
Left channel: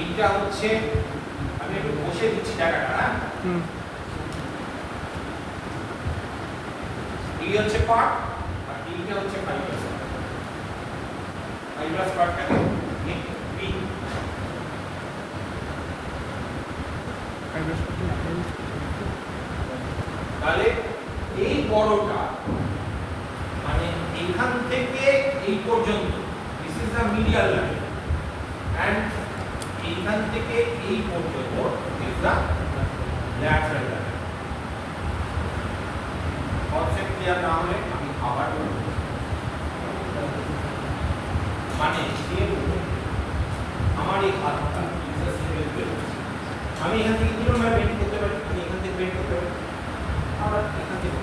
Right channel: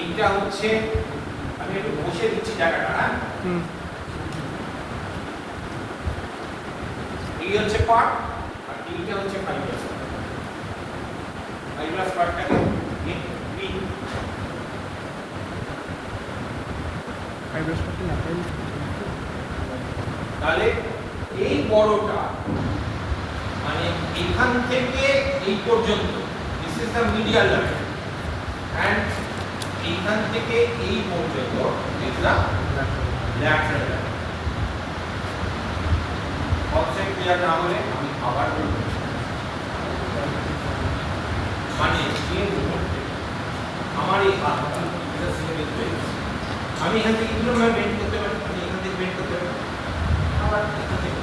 এইটা হচ্ছে, আমি একটু বসে দিচ্ছি জায়গাটা, না এই হচ্ছে পার্ট আর এইটা হচ্ছে ফাইব্রাস। ফাইব্রাস পার্টটাকে তাহলে এই বড়টা মানে এখান থেকে এই পর্যন্ত this is the medial lamella, and এইখান থেকে এই পর্যন্ত is the lateral lamella. Concept clear না হলে আমি আবার বলবো, মানে আমার এই হাতটা আমি এখান থেকে কিভাবে বেন্ড করতে পারি, আমি এখান থেকে বেন্ড করতে পারি, আবার এখান থেকে,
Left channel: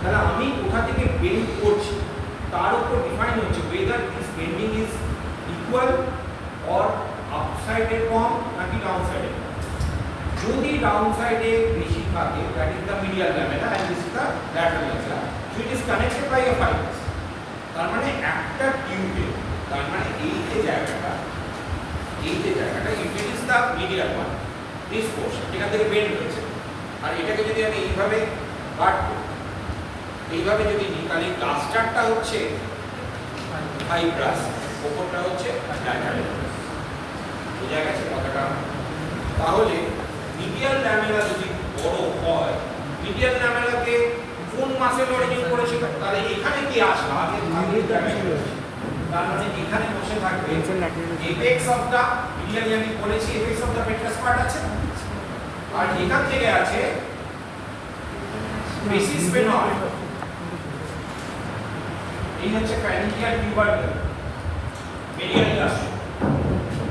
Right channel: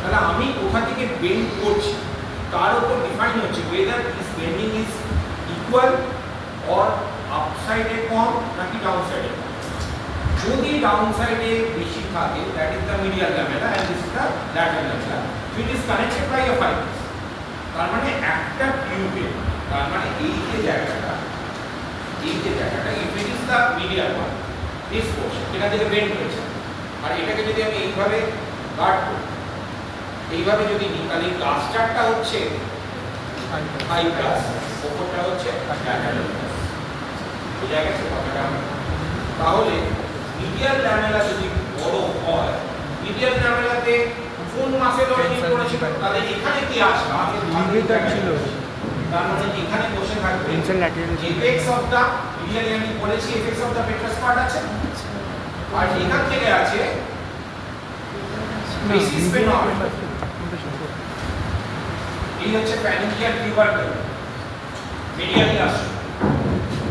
তাহলে আমি কোথা থেকে বেন্ড করছি তার উপর ডিফাইন হচ্ছে whether this bending is equal or আপসাইডে কম নাকি ডাউন সাইডে কম। যদি ডাউন সাইডে বেশি থাকে that is the medial lamella and this is the lateral lamella, it is connected by a fibrous. তার মানে একটা টিউবে, তার মানে এই যে জায়গাটা if it is the medial one this portion যেটা থেকে বেন্ড হয়েছে, আর এটাকে যদি আমি এইভাবে কাট করি, এইভাবে যদি নিই, তাহলে ক্লাস্টারটা হচ্ছে ফাইব্রাস, ওপরটা হচ্ছে ল্যাটারাল ল্যামেলা। বোঝা গেছে কথাটা? তাহলে মিডিয়াল ল্যামেলা যদি বড় হয়, মিডিয়াল ল্যামেলাতে কোন মাসেল অরিজিন করেছিল, তাহলে এখানে কি আসলো আগে ছিল, তার মানে এখানে বসে থাকবে এপেক্স অফ দা মিডিয়াল, আমি বলেছি এপেক্স অফ দা পেট্রাস পার্ট আছে, আর এখান থেকে আছে বেসিস স্পেনল, এই হচ্ছে ফ্যারিঞ্জিয়াল টিউবারকুল মিডিয়াল আসছে,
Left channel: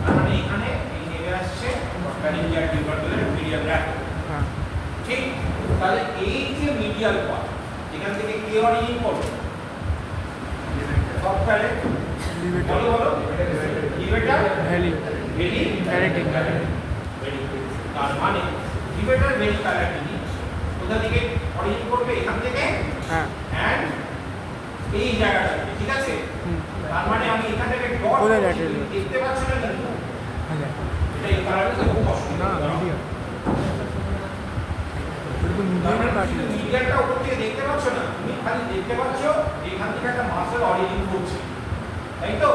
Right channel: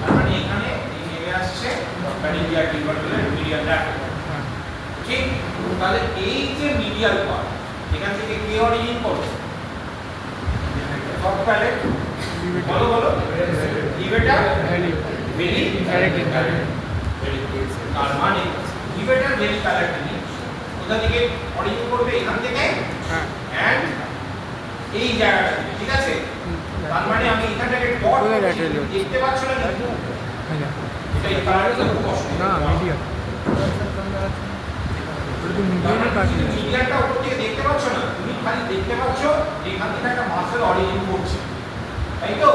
তার মানে এখানে এই নেমে আসছে ফ্যারিঞ্জিয়াল টিউবারকুল মিডিয়াল ল্যাটারাল। ঠিক, তাহলে এই যে মিডিয়াল পার্ট এখান থেকে কে অরিজিন করবে, সব প্যালেট বলো লিভেটার ভেলি প্যালেটিন, তার মানে লিভেটার ভেলি প্যালেটিন কোথা থেকে অরিজিন করবে, এখান থেকে, হ্যাঁ, এন্ড এই জায়গাটা, ঠিক আছে। তার মানে আমি এখানটাকে ডট দেখতে পাচ্ছ না, এটা এই কালারে খুব কষ্ট না, মিডিয়াল তো মিডিয়ালই কাটে, মিডিয়ালটা উপর থেকে দেখতে পাচ্ছ না, তুমি খালি দেখতে পাচ্ছ এখান থেকে একটা মাসেল অরিজিন করছে, তাই তো।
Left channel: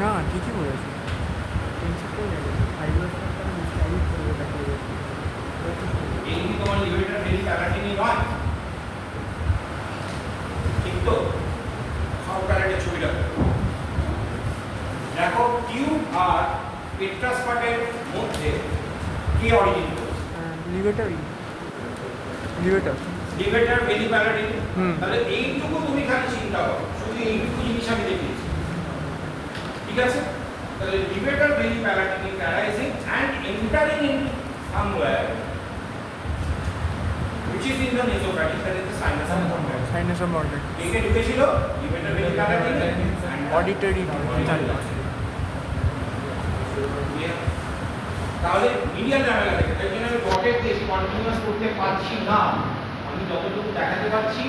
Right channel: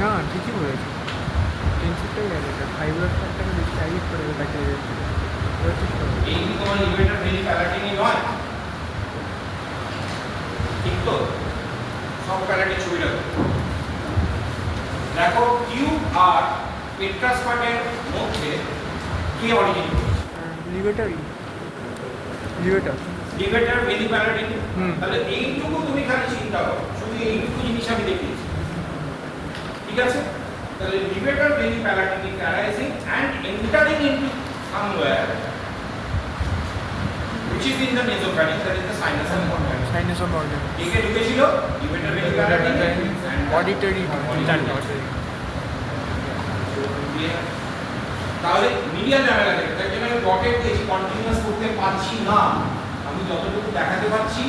না ঠিকই বলেছি টেন্সরটাই গেছে ফাইবার ফ্যাক্টরটা বেশি টাইট করে ওটা কে গেছে ওটা ঠিক করে এই কি তোমার লিভেটার ভেরি প্যালাটিনি নয়? ঠিক তো? সব প্যালাটিন ছবি লাগবে। দেখো টিউব আর পেট্রাস্পাটের মধ্যে কি অরিজিন করছে? লিভেটারই লিভেটার লিভেটার ভেরি প্যালাটিনি। হুম। তাহলে এইটুকু তুমি খালি চিন্তা করো, শুধু এইটুকু জিনিস আমি দেখিয়েছি। ঠিক আছে? তাহলে levator very প্যালাটিনি arising and entering into somewhere which is in the nasopharynx, that is the sinus and organ. Sinus of organ একে ঢুকেছিল লিভেটার ভেরি প্যালাটিনি অডিটরি তাহলে মিডিয়াল ল্যামেলা থেকে, তাই জন্য আমি ডটেড দিয়েছি, কন্টিনিউয়াস করতে পারছি না। আমি যতটুকু দেখাতে পারছি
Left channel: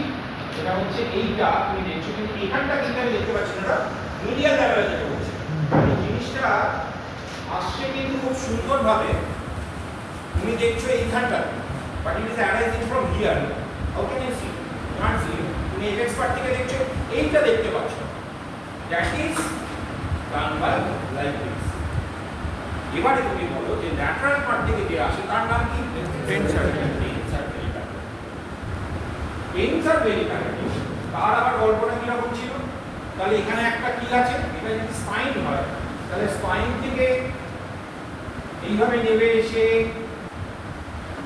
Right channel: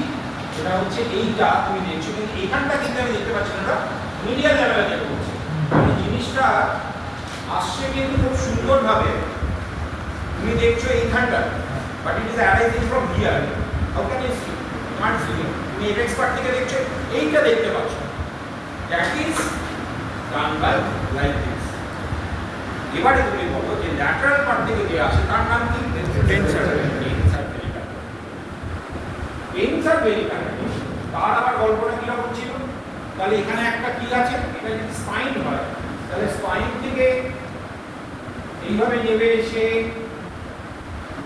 সেটা হচ্ছে এইটা তুমি দেখছো, কিন্তু এইখানটা কিন্তু আমি দেখতে পাচ্ছি না, মিডিয়াল ল্যামেলা থেকে বলছি। এই জিনিসটা আসছে কিন্তু খুব সুন্দরভাবে, তুমি দেখছো এইখানটা, but it is arising from here. How can you see? Not see. তুমি এপেক্স পার্ট থেকে দেখছো, এইটা দেখতে পাচ্ছ, that is done by like this. এবারে তুমি বলো যে ল্যাটারাল পার্ট থেকে যে আসে তার নাম কি? টেন্সার। টেন্সার ভেরি প্যালাটিনি। তার আবার গল্পটা কিরকম ছিল? তাহলে এখানে একটা কি আছে, এটা যদি স্পাইন হয়, তাহলে স্পাইন থেকে এইভাবে নেমে এসে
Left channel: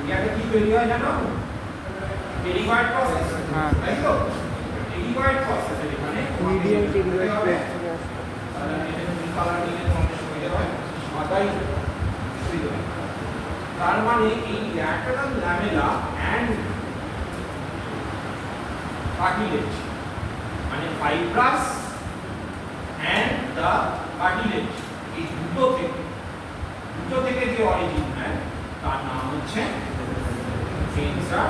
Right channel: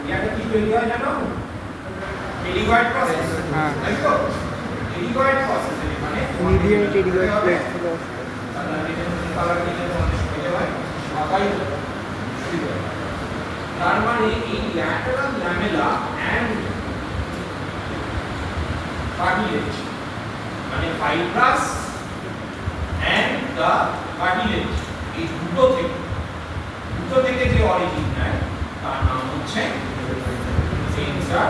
ইয়াটা কি তৈরি হয় জানো? Pterygoid process. হ্যাঁ। তাই তো? টেরিগয়েড প্রসেস এখানে মিডিয়াল টেরিগয়েড প্লেট থেকে তার মানে এই ল্যাটারাল ল্যামেলা অ্যান্ড কার্টিলেজ, মানে ফাইব্রাস অ্যান্ড দ্য কার্টিলেজ, এই দুটো থেকে যে অরিজিন নেয় তার নাম হচ্ছে টেন্সার।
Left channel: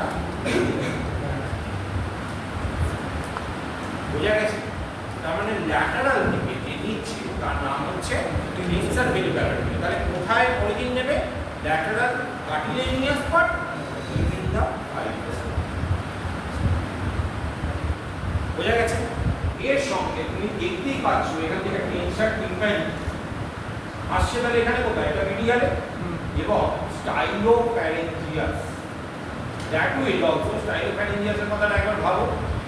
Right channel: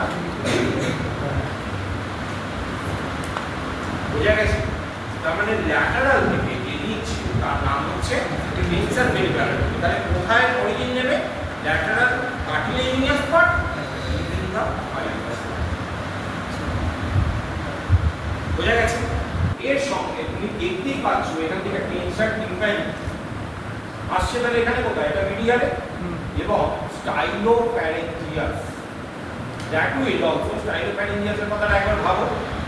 বোঝা গেছে? তার মানে ল্যাটারাল থেকে যে নিচ্ছে তার নাম হচ্ছে টেন্সার ভেরি প্যালাটিনি। তাহলে কোথায় অরিজিন নেবে? Lateral cartilaginous part within the fibrous. বোঝা গেছে? এর সঙ্গে তুমি দেখতেই পাচ্ছ এখান থেকে টেন্সার টিম্পানি আসছে, তাহলে এখানে কোথায়? এটা মিডিয়ালে এবং স্টাইলোপ্যারেঞ্জিয়াস। দ্যাট উইল অলসো, স্টাইলোপ্যারেঞ্জিয়াসের কথাটা একবার ভাবো,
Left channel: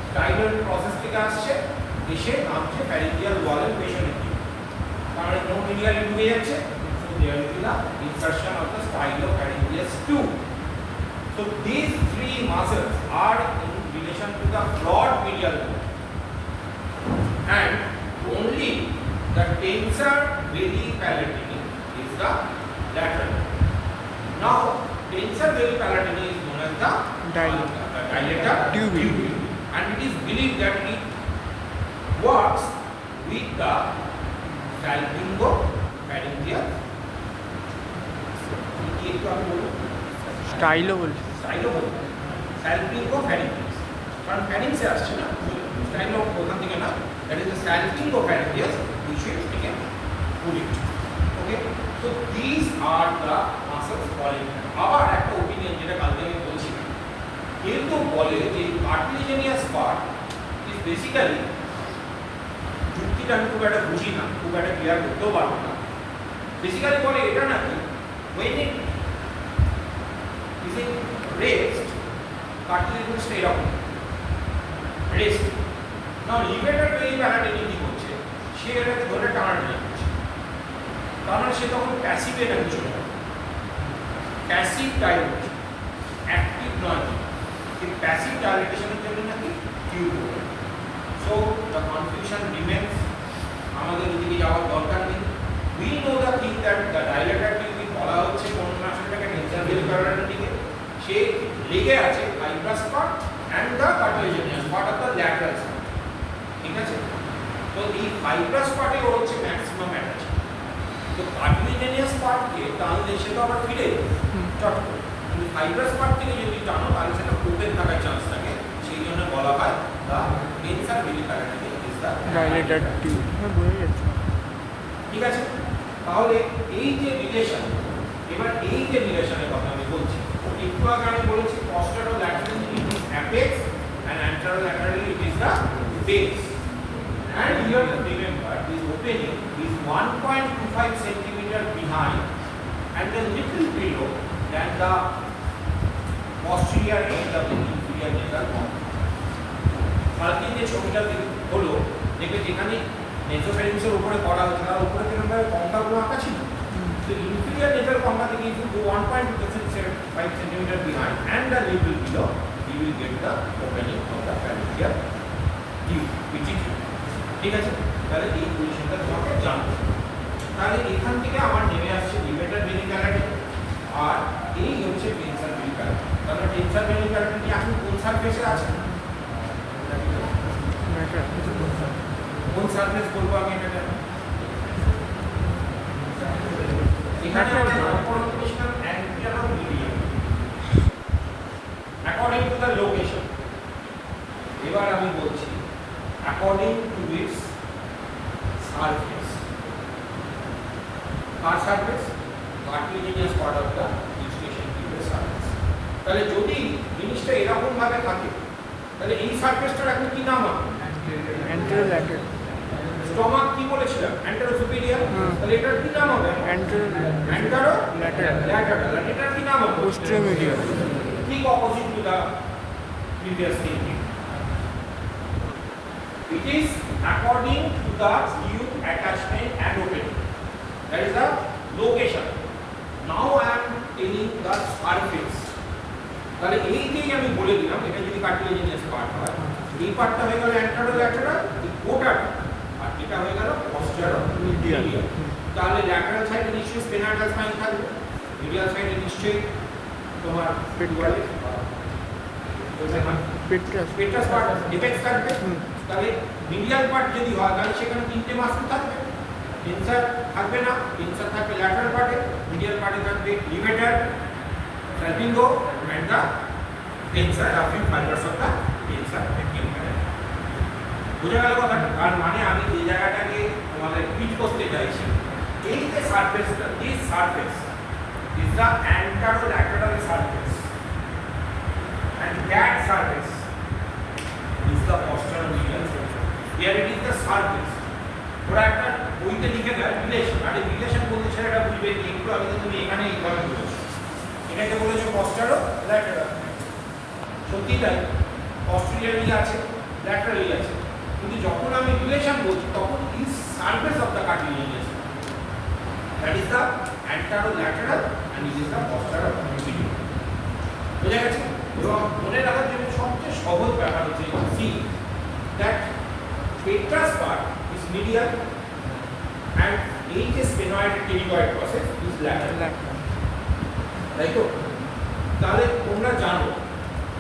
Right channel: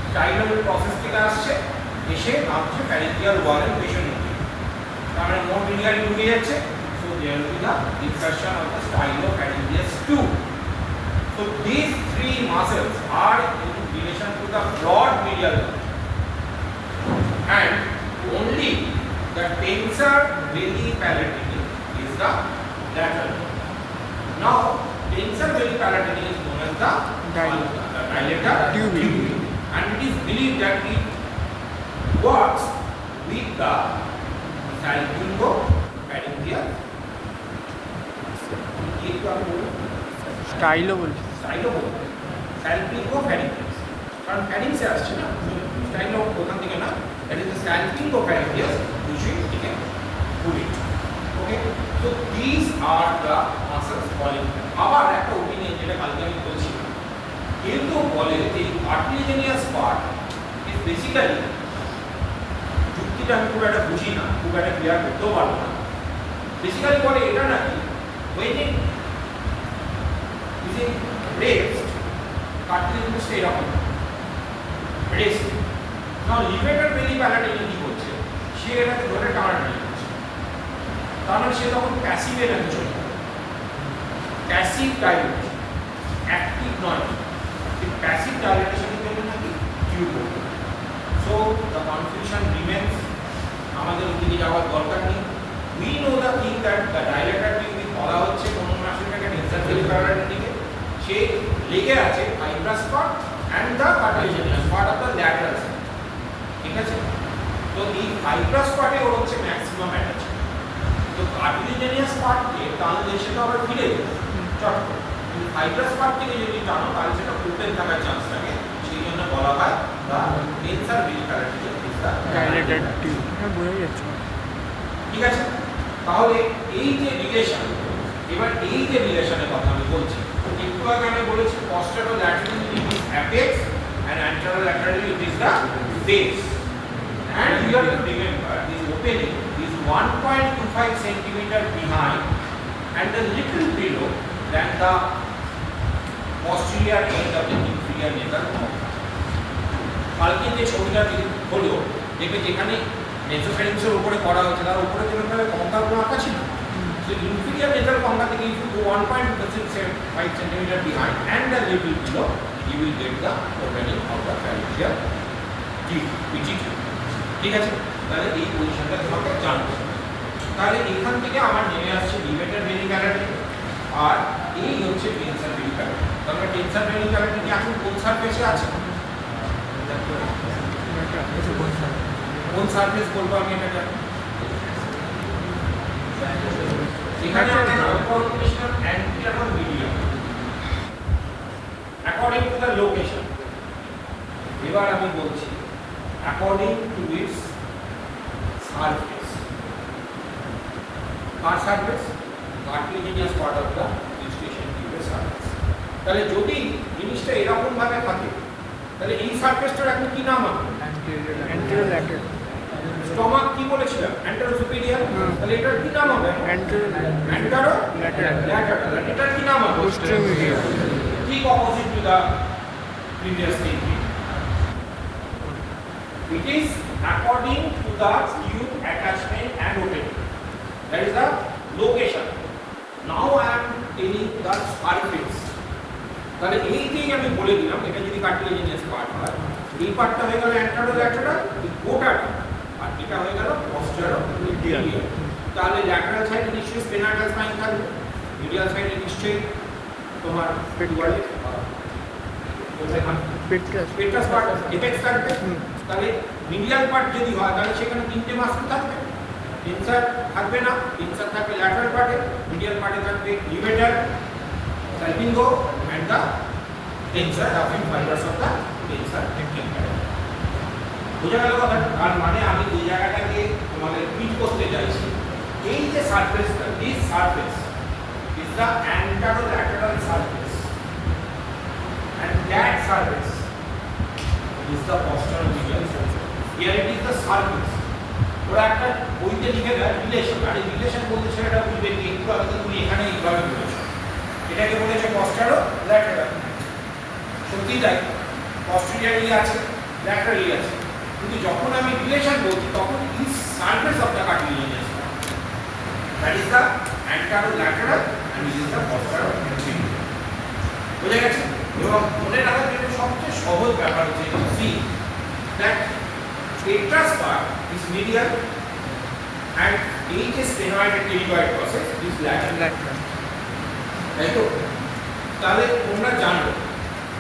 স্টাইলোর প্রসেস থেকে আসছে, এসে নামছে প্যারেঞ্জিয়াল ওয়ালের পেছনে, তার মানে কোন মিডিয়ালে ঢুকে যাচ্ছে? So there will be the insertion of the stylopharyngeus too. So these three muscles are in relation to the broad medial and only the tensor veli palatini is the lateral. Now tensor veli palatini is known as the dilator tubule, and it is believed that it works with the salpingo-pharyngeal. স্টাইলও বলছে Stylo বলতে salpingo-pharyngeal, কারণ ফ্যারিংসে আসছে না, Stylo ওখান থেকে না, that is the salpingo-pharyngeal, we should take a bullet. Okay, so these are the muscles falling. আবার একটা ওপিনিয়ন যেটা কালকে আমি বলছিলাম, কিন্তু বলে যে কার্টিলেজিনাস পার্ট ইজ বেসিক্যালি, যুক্তিটা আমি খুব একটা বুঝি না, খুব একটা ক্লিয়ার করতেও পারবো না, বেসিক্যালি বলে এটা নাকি when it is in rest, cartilage এরকম রেস্ট। নাও লিভেটার ভেরি প্যালাটিনি কি করছে? সে এটাকে ধরে টানাটানি করছে, তার মানে সে তখন প্যাসিভে নাকি চলে যাবে, প্যাসিভ ডাইলেটেশন, অ্যাক্টিভ নয়। এই প্যাসিভ ডাইলেটেশনের জন্য নাকি টিউব হবে। সো দ্য কনফিউশন রিমেন্স, আমাদের ওদিকে যাওয়ার দরকার নেই। We know the thing that the dilator tube বলা হচ্ছে কোন মাসেরটাকে টেন্সার ভেরি প্যালাটিনিকে, সে লেগে আছে fibrous part and the cartilaginous part of the lateral side. ঠিক আছে? তো এই ফাইব্রাস পার্টে ওর হচ্ছে ম্যাক্সিমাম অ্যাটাচ। তো কার্টিলেজিনাস পার্টকে টানলে সেটা আবার ফিরে যাবে চট করে, কিন্তু ফাইব্রাস পার্ট থেকে যদি টানো তাহলে সেটা ওপেন থাকার চান্স থাকে, সেই জন্য বলা হয় the tensor veli palatini is the dilator tube. হ্যাঁ বোঝা যাচ্ছে। ঠিক আছে? তাহলে এই যে রিলেশন, এবার এই যে রিলেশনের কথা আমি বলছি, একটু আগে আমি বলেছি posterolaterally it is apex and anterolaterally it is the base, and you have to remember this opening is 1.25 centimeter behind and a little below than the posterior end of the inferior nasal concha. কালকে যে ছবিটা হলো দেখবে যেখানে নেসোফ্যারিংসের উপরে করা হয়েছে তার উপরে যেরকমভাবে কঙ্কাগুলো আঁকা ছিল, so inferior nasal concha থেকে if you go 1.25 centimeter behind and a little below, you will get the opening of the pharyngeal teeth, which is ঠিক আছে। তাহলে এই পজিশনটা তোমাকে জানতে হবে। তাহলে এখান থেকে আমার নেমে আসছে লিভেটার ভেরি প্যারাটি আর এই হচ্ছে টেনসার ভেরি প্যারাটি। তাহলে টেনসার ভেরি প্যারাটি এখন কোন সারফেসে আছে? কোন সারফেস বলবো আমি এটা জানি? এখানে competition anterior medial according to the location. এবার আমি বলছি অ্যাকর্ডিং টু ইটস সারফেস। কার surface? Cartilaginous part of the distension টিউবের সারফেস। তাহলে যদি জিনিসটা এরকম ভাবে থাকে তাহলে এই সারফেসটার এখন কি নাম হবে? Anterior lateral. স্টমাক কি বলেছিলাম? Antero superior. তাহলে এটার কি নাম হবে? Antero lateral. এটার কি নাম হবে? Posterior medial. ঠিক opposite to the previous thinking. It is according to the tube attachment and opening. That is the location. Now I am telling the surface. তাহলে এইটাই আমি বলে দিলাম, এটা যদি কার্টিলেজিনিয়াস পার্ট হয় এই পার্টটা হয়ে গেল অ্যান্টেরো ল্যাটারাল, এই গোটাটা, আর এটা হয়ে গেল পস্টেরো মিডিয়াল। তাহলে ল্যাটারাল সাইডে নিশ্চয়ই স্পেনাটাল স্পাইন থাকবে, মিডিয়াল সাইডে নিশ্চয়ই তোমার পেট্রাস পার্ট ডিফেক্ট থাকবে। তাহলে মিডিয়াল পার্ট যদি হয় তাহলে সেখানে তিনটে মাসল থাকবে, টেনসার থাকবে না, টেনসার থাকবে ল্যাটারাল পার্টে, মিডিয়াল পার্টে থাকবে levator, salpingo and the tensor of fibers of the tensor necking canal. বুঝা গেল কথাটা? তার মানে আমি এই জায়গাটাকে তোমাদের ফিট করতে চাইছি। এই যে সারফেসটা, this surface is the anterolateral surface and that surface is the posteromedial surface. Here it is the surface. ওরা একটা বইতে লিখে দেয় রিলেশন, আর এই রিলেশন বলতে ছেলেটা বুঝবে কি একটু আগে তুমি এখানে এইভাবে বলেছো, এটাকে বলেছে পস্টেরো ল্যাটারাল। সত্যি তাই, পস্টেরিয়রই আছে, ল্যাটারালি আছে, কিন্তু যখন আমি রিলেশন বলছি তখন is surface of the cartilaginous, that is the anterolateral and it is the postero medial. বুঝে গেছে? এবং মনে রাখার জন্য সবচেয়ে সহজ ব্যাপার হচ্ছে see that petrous part is medial and এই যে sphenoid pterygoid process is lateral. তাই তো? তাহলে তোমরা জানো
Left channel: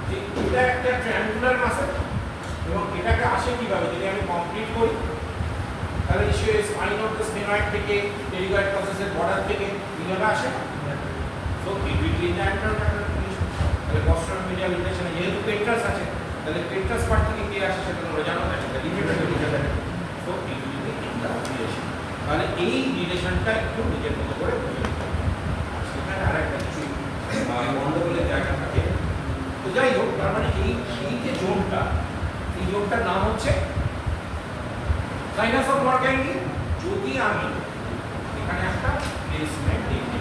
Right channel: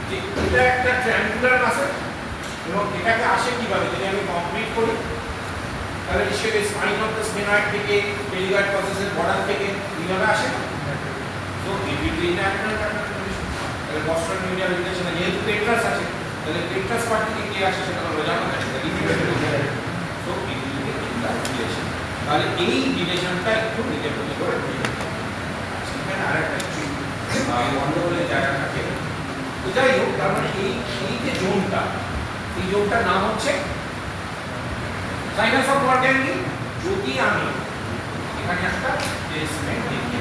যে এটা একটা ট্রায়াঙ্গুলার মাসল এবং এটাকে আসে কিভাবে? যদি আমি কমপ্লিট করি তাহলে নিশ্চয়ই স্পাইন অফ দ্য স্পেনয়েড থেকে টেরিগয়েড প্রসেসের বর্ডার থেকে এইভাবে আসে না? তো it will be in the anterolateral position. তাহলে পস্টেরো মিডিয়াল রিলেশনে যেহেতু পেট্রাস আছে তাহলে পেট্রাস পার্ট থেকে কে আসে সেটা তোমরা জানো না, সেটা levator. So it will be in the relation. তাহলে এই রিলেশনটা একটু নিজের মতো করে সেখানে আরেকটা গন্ডগোলের জায়গা থাকে। তো যাই হোক, তার মানে এই যে জোনটা, এই জোনটার নাম হচ্ছে সাইনাস অফ মরগ্যানকি। যদি আমি এখানে একটা প্লেসমেন্ট দেখি,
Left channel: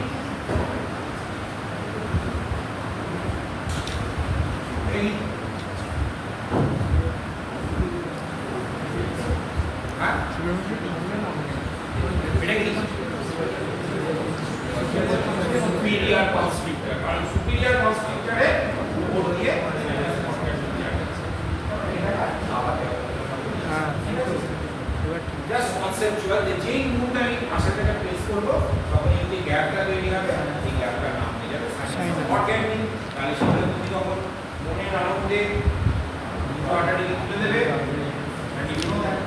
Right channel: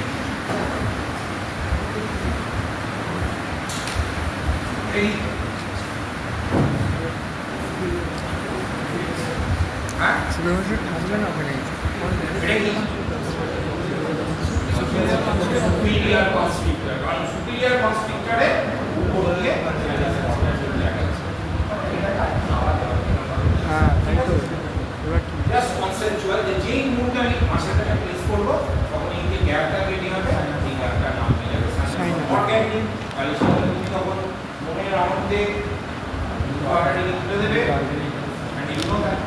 এই হ্যাঁ এটা কি superior constrictor, কারণ superior constrictor এ উপর দিয়ে হ্যাঁ এবার ঠিক জাস্ট কনসেপচুয়াল যে যেই মুভটা আমি ভাষাটাকে প্লেস করব তখন এই যে গ্যাপটা তৈরি হবে, এই গ্যাপটার নাম হয়ে যাবে সাইনাস অর্গ্যানিক। তাহলে সেটা তুমি তখন মনের আনন্দে ওয়াটারিং তুলে দেবে and you know that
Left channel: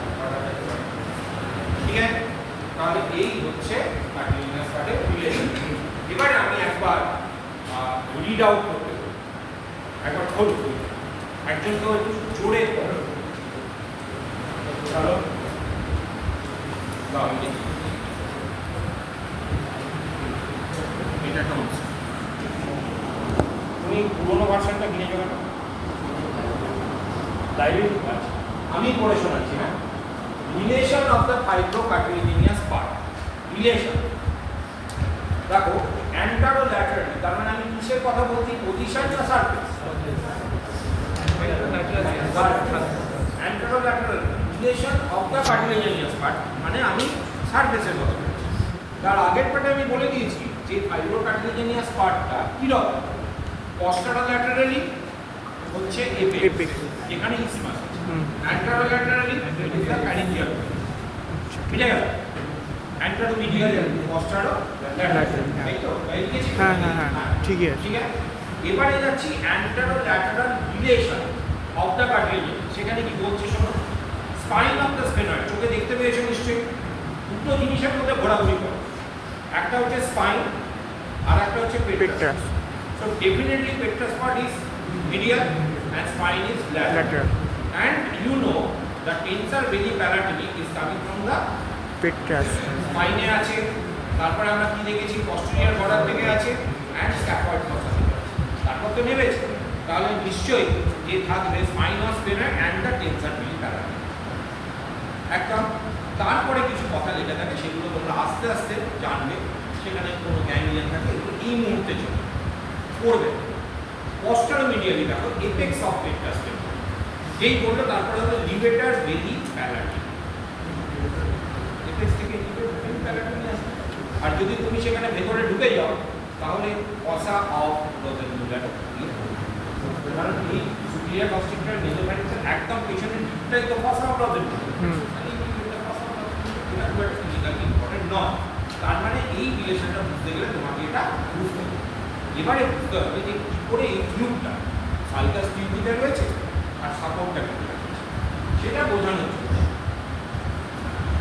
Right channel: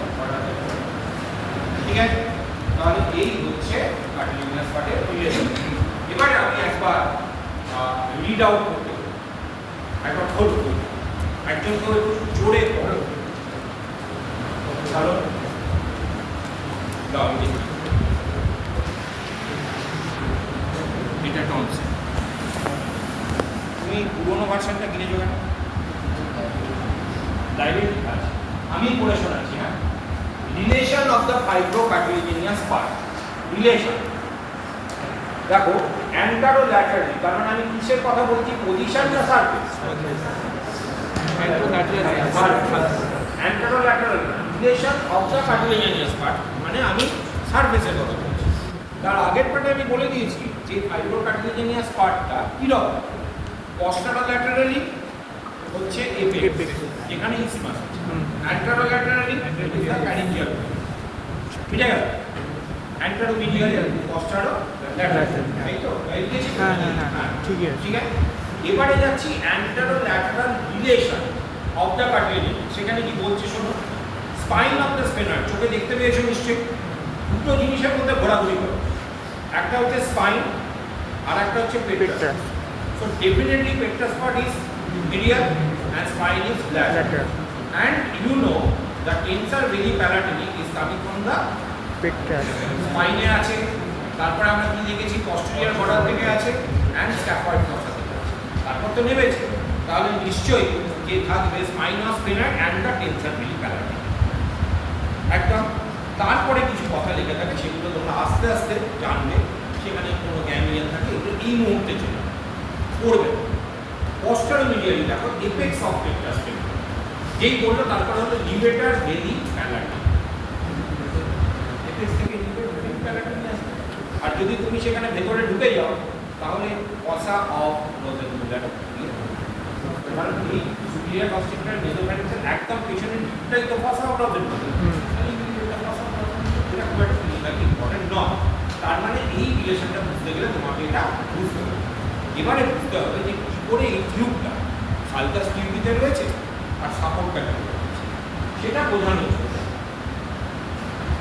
ঠিক আছে? তাহলে এই হচ্ছে কার্টিলেজিনাস পার্টের রিলেশন। এবারে আমি একবার রিড আউট করতে পারি, একবার খোঁজ করি, একজন তো একটু জোরে পড়ো, ভালো দাও দেখি। এটা টনস, তুমি পুরোনো ভার্সনটা কিনেছো কেন? লাইব্রেরি আছে, আমি পড়ে শোনাচ্ছি। হ্যাঁ relation of the fibrocartilaginous part. Relation দেখো অ্যান্টারো ল্যাটারালি, কারণ আমি কিসের কথা বলছি, পজিশন না surface? Antero lateral relation of the cartilaginous part, মানে আমি সারফেসের কথা বলছি। তার আগের পার্টে আমি বলে দিয়েছি যে ফাইব্রোকার্টিলেজিনিয়াস পার্টটা কীরকম, পস্টারোল্যাটারালি হচ্ছে এপেক্স, যেখানে ইসমাস আছে, অ্যান্টারোল্যাটারালি প্যারিঞ্জিয়াল, বুঝে গেল? অ্যান্টারোমিডিয়াল, পস্টারোল্যাটারাল, তাই তো? তাই লিখেছি? হ্যাঁ হ্যাঁ হ্যাঁ ঠিক আছে। ঠিক আছে, এবারে যাচ্ছি অ্যান্টারোল্যাটারাল রিলেশন অফ দ্য কার্টিলেজ। সেখানে কি বলছে শোনো, স্পাইন অফ দ্য স্পেনার, চোখে দেখতে পেয়েছো নিশ্চয়ই, দুটো জিনিসের মধ্যে ঘোরাঘুরি করো, একটা হচ্ছে স্পাইন আর একটা হচ্ছে petrous. So definitely petrous part is medial and spine is lateral. And you know the tensor veli palatini is coming from the পেট্রাস। spine আছে, তারপরে আমরা কি দেখেছি, posterior border থেকে আছে and scaphoid fossa থেকে আছে। তারপর তো নেমেছে, তাহলে নিশ্চয়ই যে থাকবে spine of spinner and the tensor veli palatini একদম। তারপরে কিছু কথা লেখা থাকে, সেগুলো তোমরা আস্তে আস্তে জানবে, সেখানে কোনো জ্ঞান থাকে, এগুলো এই মুহূর্তের জন্য পড়বে। পস্টারোমিডিয়ালি দেখো এপেক্স অফ পেট্রাস টেম্পল, যেই বললো তারপরে হলো লিভেটার ভেলি প্যালাটিন, এপেক্স থেকে লিভেটার ভেলি প্যালাটিন আসে। আর যদি তুমি সেখানে ভেতরে ঢুকে যাও তাহলে ফসা অফ রোজেনমুলার, কারণ এই সুপিরিয়র কনস্ট্রাক্টর মেসোফ্যারিংসের একদম পেছনের দিকটাই তো ফসা অফ রোজেনমুলার, এটা খুব একটা ফিজিক্যালি ইম্পর্টেন্ট নয়। তার মানে এই রিলেশনটা বুঝতে গেলে তোমাকে এটা বুঝতে হবে। এবারে বুঝতে হবে যে কি করে এই টিউবটা সালকাস টিউবিতে রয়েছে আর সাপোর্টটা কেন রয়েছে, সেটা বোঝানো হচ্ছে।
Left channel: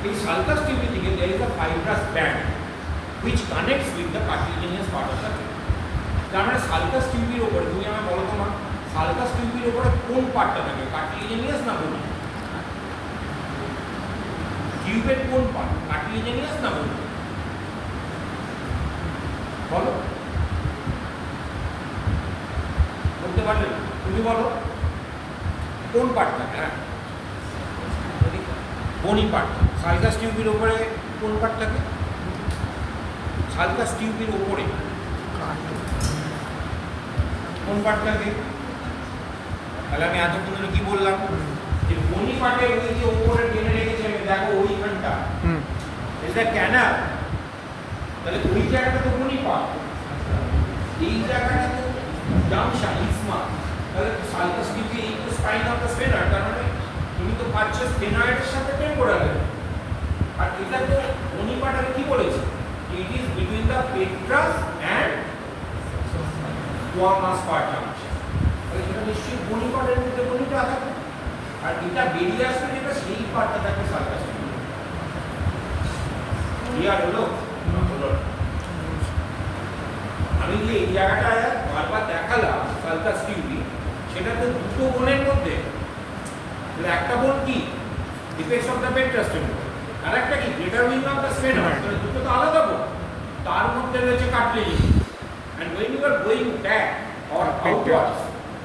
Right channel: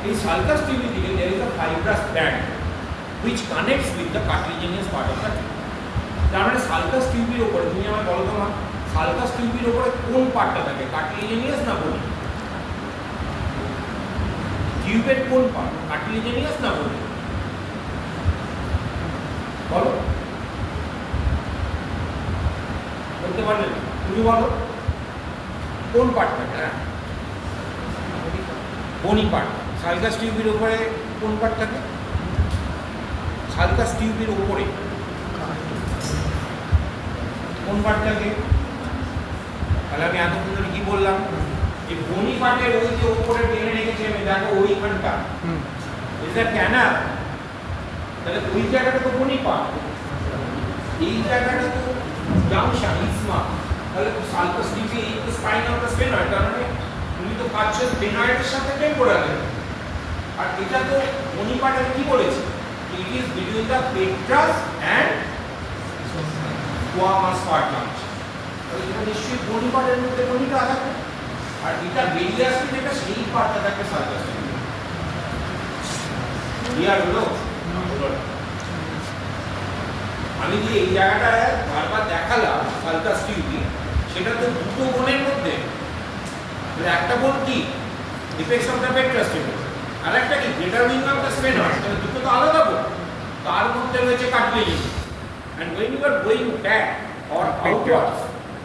এই সালকাস টিউবি থেকে there is a fibrous band which connects with the cartilaginous part of the tube. তার মানে সালকাস টিউবির উপরে, তুমি আমায় বলো তো মা, সালকাস টিউবির উপরে কোন পার্টটা থাকে, কার্টিলেজিনিয়াস না বোনি? টিউবের কোন পার্ট, কার্টিলেজিনিয়াস না বোনি? বলো, বলতে পারবে না? তুমি বলো কোন পার্ট থাকে? হ্যাঁ, বনি পার্টটা। সালকাস টিউবের উপরে কোন পার্ট থাকে? সালকাস টিউবের উপরে কোন পার্ট থাকে? তাহলে আমি এতক্ষণ ধরে কি বললাম, যে বনি পার্টের ওই যে উপরে টেনে রেখেছে, আমি দেখো ওইখানটা, এটা ক্যানা, তাহলে ওই জায়গাটা তো বনি পার্ট, এই জায়গাটা তো জাংশন ইসমা, তাহলে সালকাস টিউবি এই তো স্পাইন অফ দ্য স্পেনার, তার মানে তুমি তো পাচ্ছ স্পেনয়েডের সাথে টেম্পোরাল। আর এটা তো বনি পার্টের কি বলেছে, it is between the petrous and squamous part junction, তাহলে এটা নিশ্চয়ই বনি পার্টের মধ্যে বনিটা থাকবে, আর এটা বেরিয়ে আসবে যেটা সেই পার্টটা থাকবে সালকাস টিউবি। ক্লিয়ার হলো? হলো। আমি যে এই জায়গাটা বারবার দেখালাম সালকাস টিউবি, সেটা তো দুটো বোনের মধ্যে, একটা বোন কি এপেক্স অফ দ্য পেট্রাস টেম্পল, আর একটা কি greater wing of the spanner, তাহলে দুটো তো আলাদা বোন, তার মধ্যে রয়েছে cartilage. And when you are going back or outwards,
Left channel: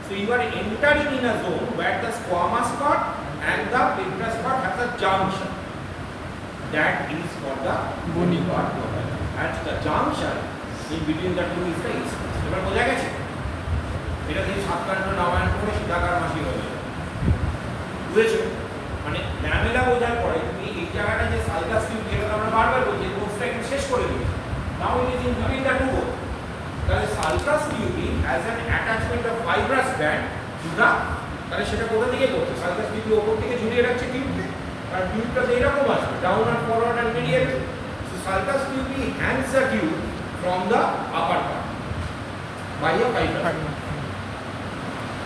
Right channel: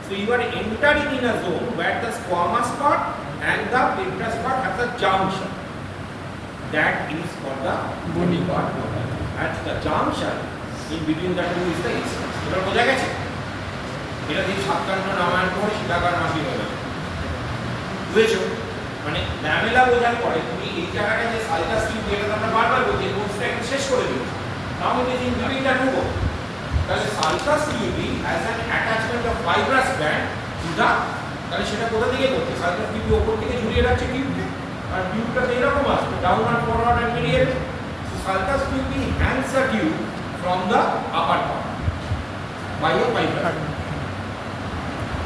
so you are entering in a zone where the squamous part and the petrous part has a junction. That is for the bony part, and the junction in between the two is the isthmus. এবার বোঝা গেছে? এটা দিয়ে সাতকাণ্ড রামায়ণ করে সীতাকার মাসি হয়ে গেল, বুঝেছো? মানে ল্যামেলা বোঝার পরে তুমি এই জায়গাটা যে সালকাস টিউব, যেটা আমরা বারবার বলছি, কোর্সটা একটু শেষ করে দিয়েছি, now it is in between the two bone. তাহলে sulcus tubae has an attachment of fibrous band to the, তাহলে সেটা কোথা থেকে করছে, সালকাস টিউবি ওপর থেকে ঝুলিয়ে রাখছে টিউবকে, আর টিউবটাতে এরকম আসবে down and forward and medial. So sulcus tubae hangs the tube from the upper part by a fibrous.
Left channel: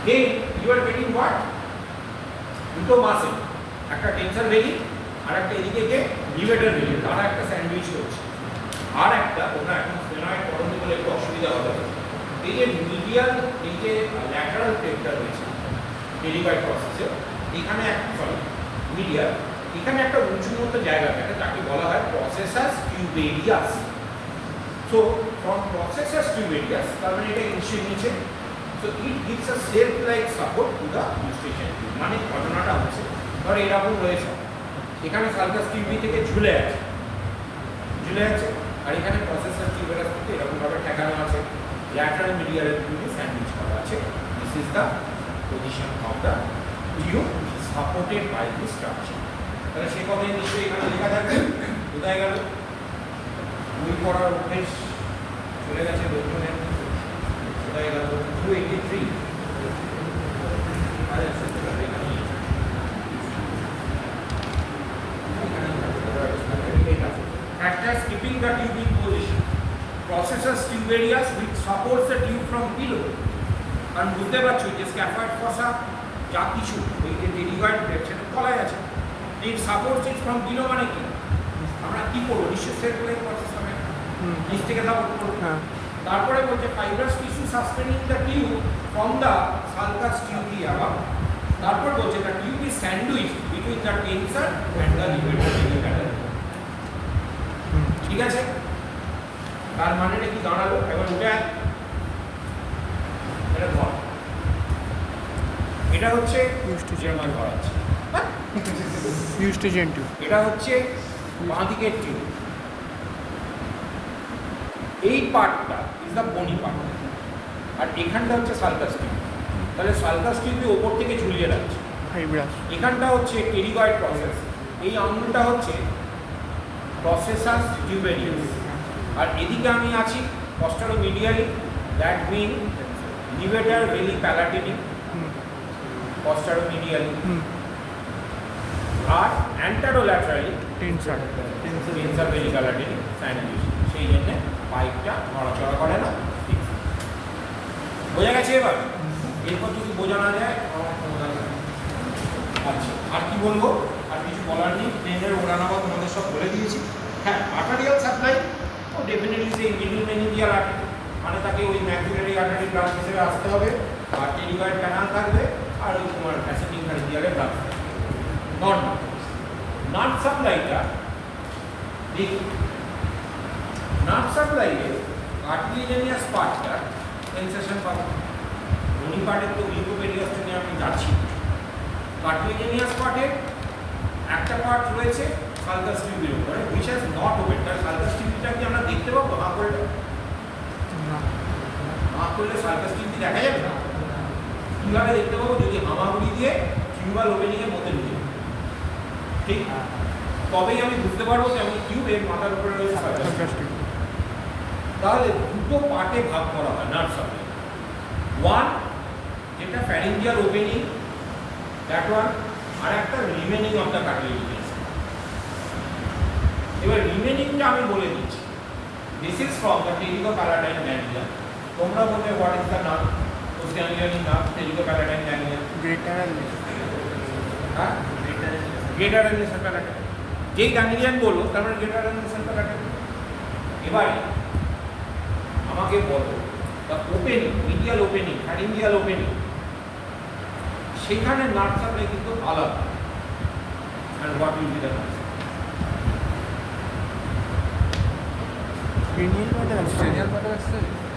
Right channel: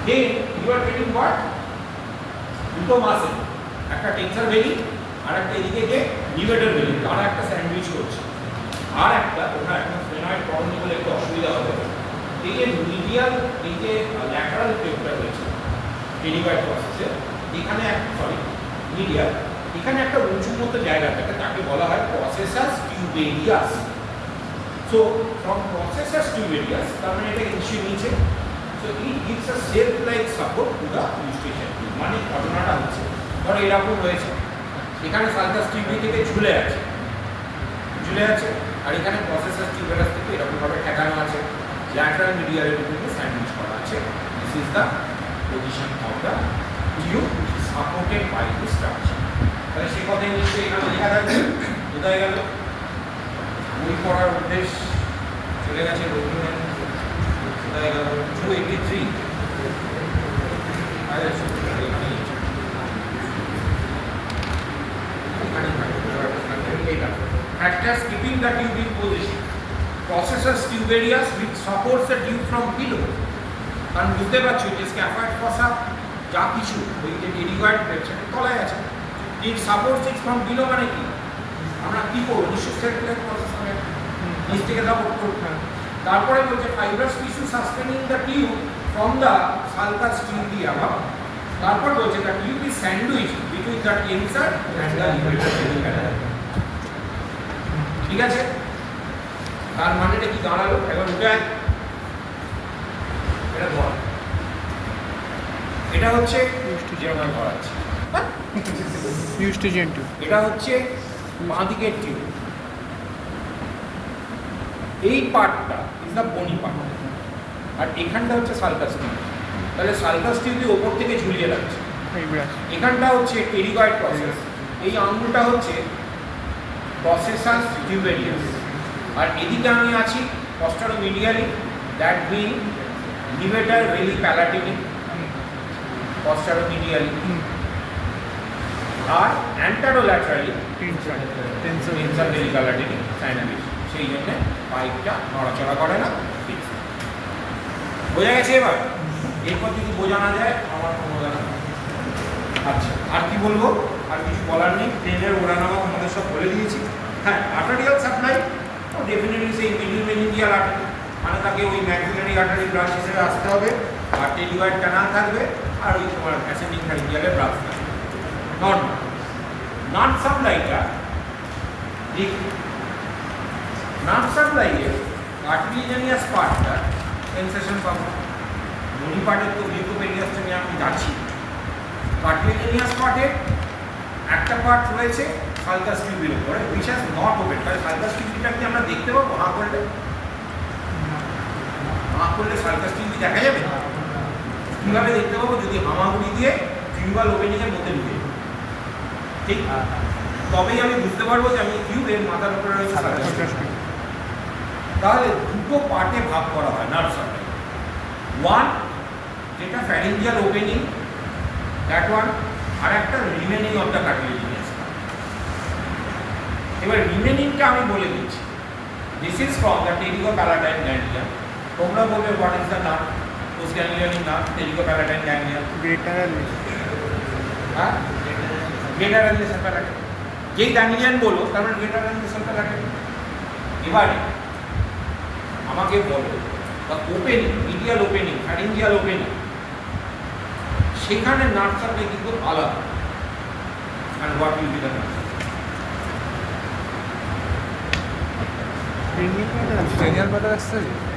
Then you are getting what? দুটো মাসেল, একটা টেনসর ভেলি আর একটা এদিকে যে লিভেটার ভেলি, তারা একটা স্যান্ডউইচ করছে। আর একটা তোমরা এখন স্পেনয়েড পড়তে বলে একটু অসুবিধা হবে, এই যে মিডিয়াল, এই যে ল্যাটারাল পেপটা রয়েছে টেরিবাইড প্রসেসে, এখানে একটা মিডিয়াল, এখানে একটা উঁচু মতো জায়গা থাকে, তাকে বলা হয় প্রসেসাস টিউবেরিয়াস। সো ফ্রম প্রসেসাস টিউবেরিয়াস, তার মানে এটা নিচে নিচে, so it gives a self like support to the eustachian tube। মানে ঘটনাটা হচ্ছে ধরো এরকম রয়েছে, এখানে সালকাস টিউবি থেকে ঝুলে আছে, আর এখানে প্রসেসর টিউবেরাস থেকে এরকমভাবে ঠেকানো আছে, ল্যাটারাল মিডিয়ালের ভিতরে স্যান্ডউইচ করা আছে। This is the position of the tube supported by the structure. তাহলে সে কথাই নিশ্চয়ই এখানে লেখা থাকবে। কোথায় গেল বই পড়ার অভ্যেস, চলে গেছে রবীন্দ্রনাথ। কোথায় গেল 283 Factors keeping the tube in position. Processes tubarius which supports the tube from below. কারণ বুঝতে পারছো যে স্ক্যাফয়েড ফসা যা কিছু ওই যে ডেরিভাইড সেটা তলায় আছে, ইট সাপোর্টস ইট ফ্রম বিলো। মানে কি আমরা কি করবো, নিশ্চয় সেলফ প্রসেস হবে, নিচ থেকে সাপোর্ট করবো। তারপরে বলছে fibrous tissue suspending the tube from the sulcus tubae above. তারপর বলছে the tube is sandwich between the tensor and the levator. ঠিক আছে, তার মানেটা কি দাঁড়ালো? একবার উঠে আয়, এটা ঘর, এটা হচ্ছে যেরকম ঘর আছে, এটা হচ্ছে বাঁ দিকের টিউব। এই পার্টটা ইজ দ্য বনি পার্ট, আর এখানটা হচ্ছে সালকাস টিউব। তাহলে সালকাস টিউবি ওপর থেকে ঝুলিয়ে রাখছে। এখানটা হচ্ছে টেরিগয়েড প্রসেস, এই আঙুলটা হচ্ছে প্রসেসাস টিউবেরিয়াস, আর এদিকে আমি আছি পস্টেরোমিডিয়ালি, দ্যাট মিন লিভেটার ভেলি প্যালাটিনি পস্টেরোমিডিয়ালি, আর অ্যান্টারোল্যাটারালি টেন্সার ভেলি প্যালাটিনি স্যান্ডউইচ। সেই জন্য পাইপটা নড়াচড়া করে না। বোঝা গেছে? এবার এরপর যদি বোঝানো যায় আমার ক্ষমতা। আচ্ছা, আর কি বলবো? আর কিছু বলার নেই। ট্রেনের ওড়ানামা তোমাদের সব বলে দিয়েছি। হ্যাঁ, আর্টারিয়াল সাপ্লাই ও ডেফিনেটলি সেই মিডিল মেনিজিয়াল আর্টারি, মানে তাকে ওই ম্যাক্সিলারি আর্টারি ব্রাঞ্চ হিসেবে আসতে হবে, আর টেরিগয়েড ক্যানাল থাকবে, আর ওই তোমার অ্যাসেন্ডিং ফ্যারিঞ্জিয়ালের ব্রাঞ্চ থাকবে। নর্মাল নার্ভ সাপ্লাইটা ঠিক, নার্ভ সাপ্লাইয়ের কার্টিলিজেনিয়াস পার্টটা সেন্সেশন পাবো। বনি পার্টের তো লিউকোপেডিয়াসটা নিয়ে আমি যাচ্ছি। কার্টিলিজেনিয়াস পার্টের একটা পার্ট রয়েছে সালকাস টিউবির উপরে, which has not opened। তাহলে সালকাস টিউবিটা কি আমরা দেখতে পাবো হাঁ করলে? হাঁ করলে সালকাস টিউবি দেখা যাবে? কীভাবে দেখতে পাবো? যদি হামাগুড়ি দিয়ে টিউবাল ওপেনিংয়ের মধ্যে ঢুকে, ঠিক তবেই আমি বুঝতে পারবো যে আমি টিউবের মাথার উপরে রয়েছে সালকাস টিউব। তাহলে দুটো পার্টে ভাগ করা হয় নার্ভ সাপ্লাই। ওয়ান যেটা ফ্যারিঞ্জিয়াল ওপেনিং, দ্যাট ওয়ান, আর একটা রিমেনিং অফ দ্য কার্টিলিজেনিয়াস। এবার রিমেনিংটা আমি বলে দিচ্ছি। This is from the pterygopalatine ganglia. তোমরা বলবে what is the nerve? Us ganglion nerve pterygopalatine ganglia. হ্যাঁ, গ্রেটার অ্যান্ড লেসার প্যালাটাইন। যেই গ্যাংলিয়ান বলবো তার মানে গ্রেটার অ্যান্ড লেসার প্যালাটাইন। এবারে আমাকে বলো the opening, medial opening, pharyngeal opening, সেখানে নার্ভ সাপ্লাই কিন্তু আলাদা। and what will be the naর্ভ?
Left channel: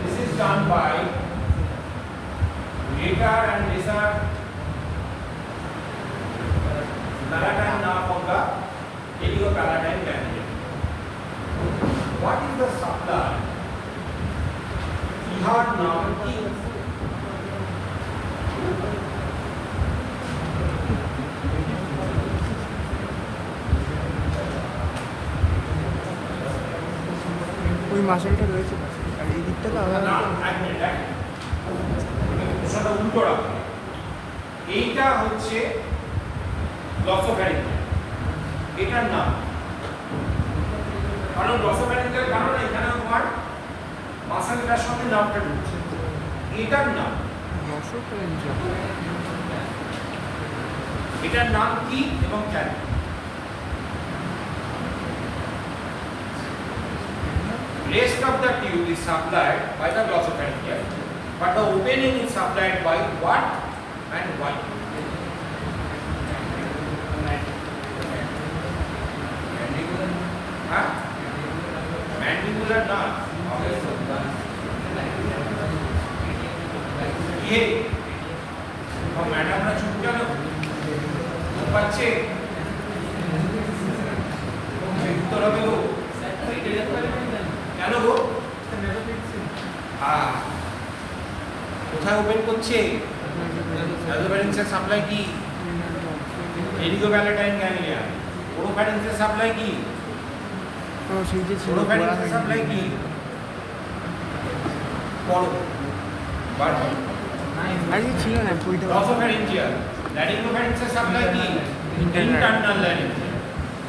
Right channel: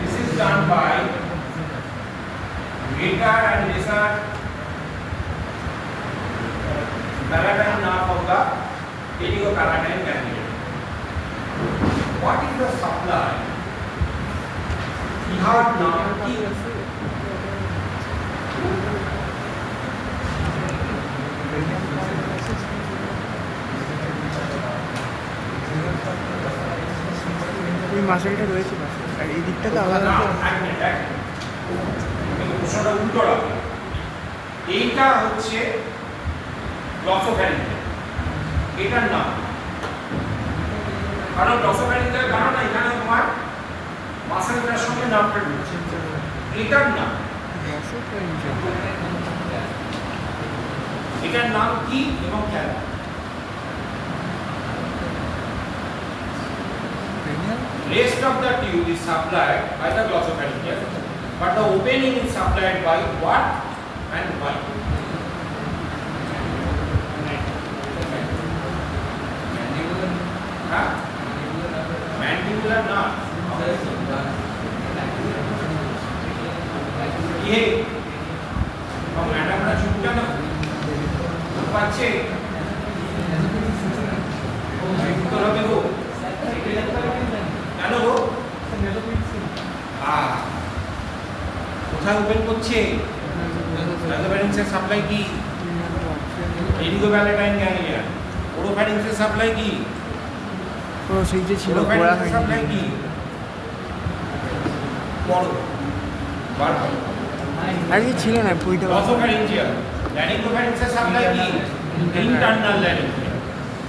This is done by greater and lesser palatine nerve of the terigopalatine ganglion. What is the supply? ইহার নাম কি? ওই মাসেলটা রয়েছে পাশে, আর এই দিকটা তো আলাদা। প্রশ্নটা উল্টো রাখা। এইটা হচ্ছে গ্লসোফ্যারিঞ্জিয়াল, এটার নাম। কারণ গ্লসোফ্যারিঞ্জিয়াল জানো না, এখানে তোমার মাসেলটার সঙ্গে নার্ভটা ঢুকছে। এটার নাম গ্লসোফ্যারিঞ্জিয়াল। এটার নাম কি এবং কেন? Rest of the tube is supplied by the glossopharyngeal, but the opening is supplied by what and why? Mandibular nerve. ये अब मैडम ना छूट जाना बच्चे হবে গো? কেন গো? হ্যাঁ, কোথায় ওপেন করছে? নাইজোফ্যারিংসের সাপ্লাই কি? এরিগোভ্যালেন্টাইন গ্যাংলিয়ন। ওরোফ্যারিংসের সাপ্লাই কি? সেই যে ছিল ওরোফ্যারিংসের সাপ্লাই কি? পড়ো, বার করো। আগে ছিল না বইটা নসোফ্যারিঞ্জিয়াল। ল্যারিঙ্গোফ্যারিংসের সাপ্লাই কি? ইন্টারনাল ল্যারিঙ্গিয়াল।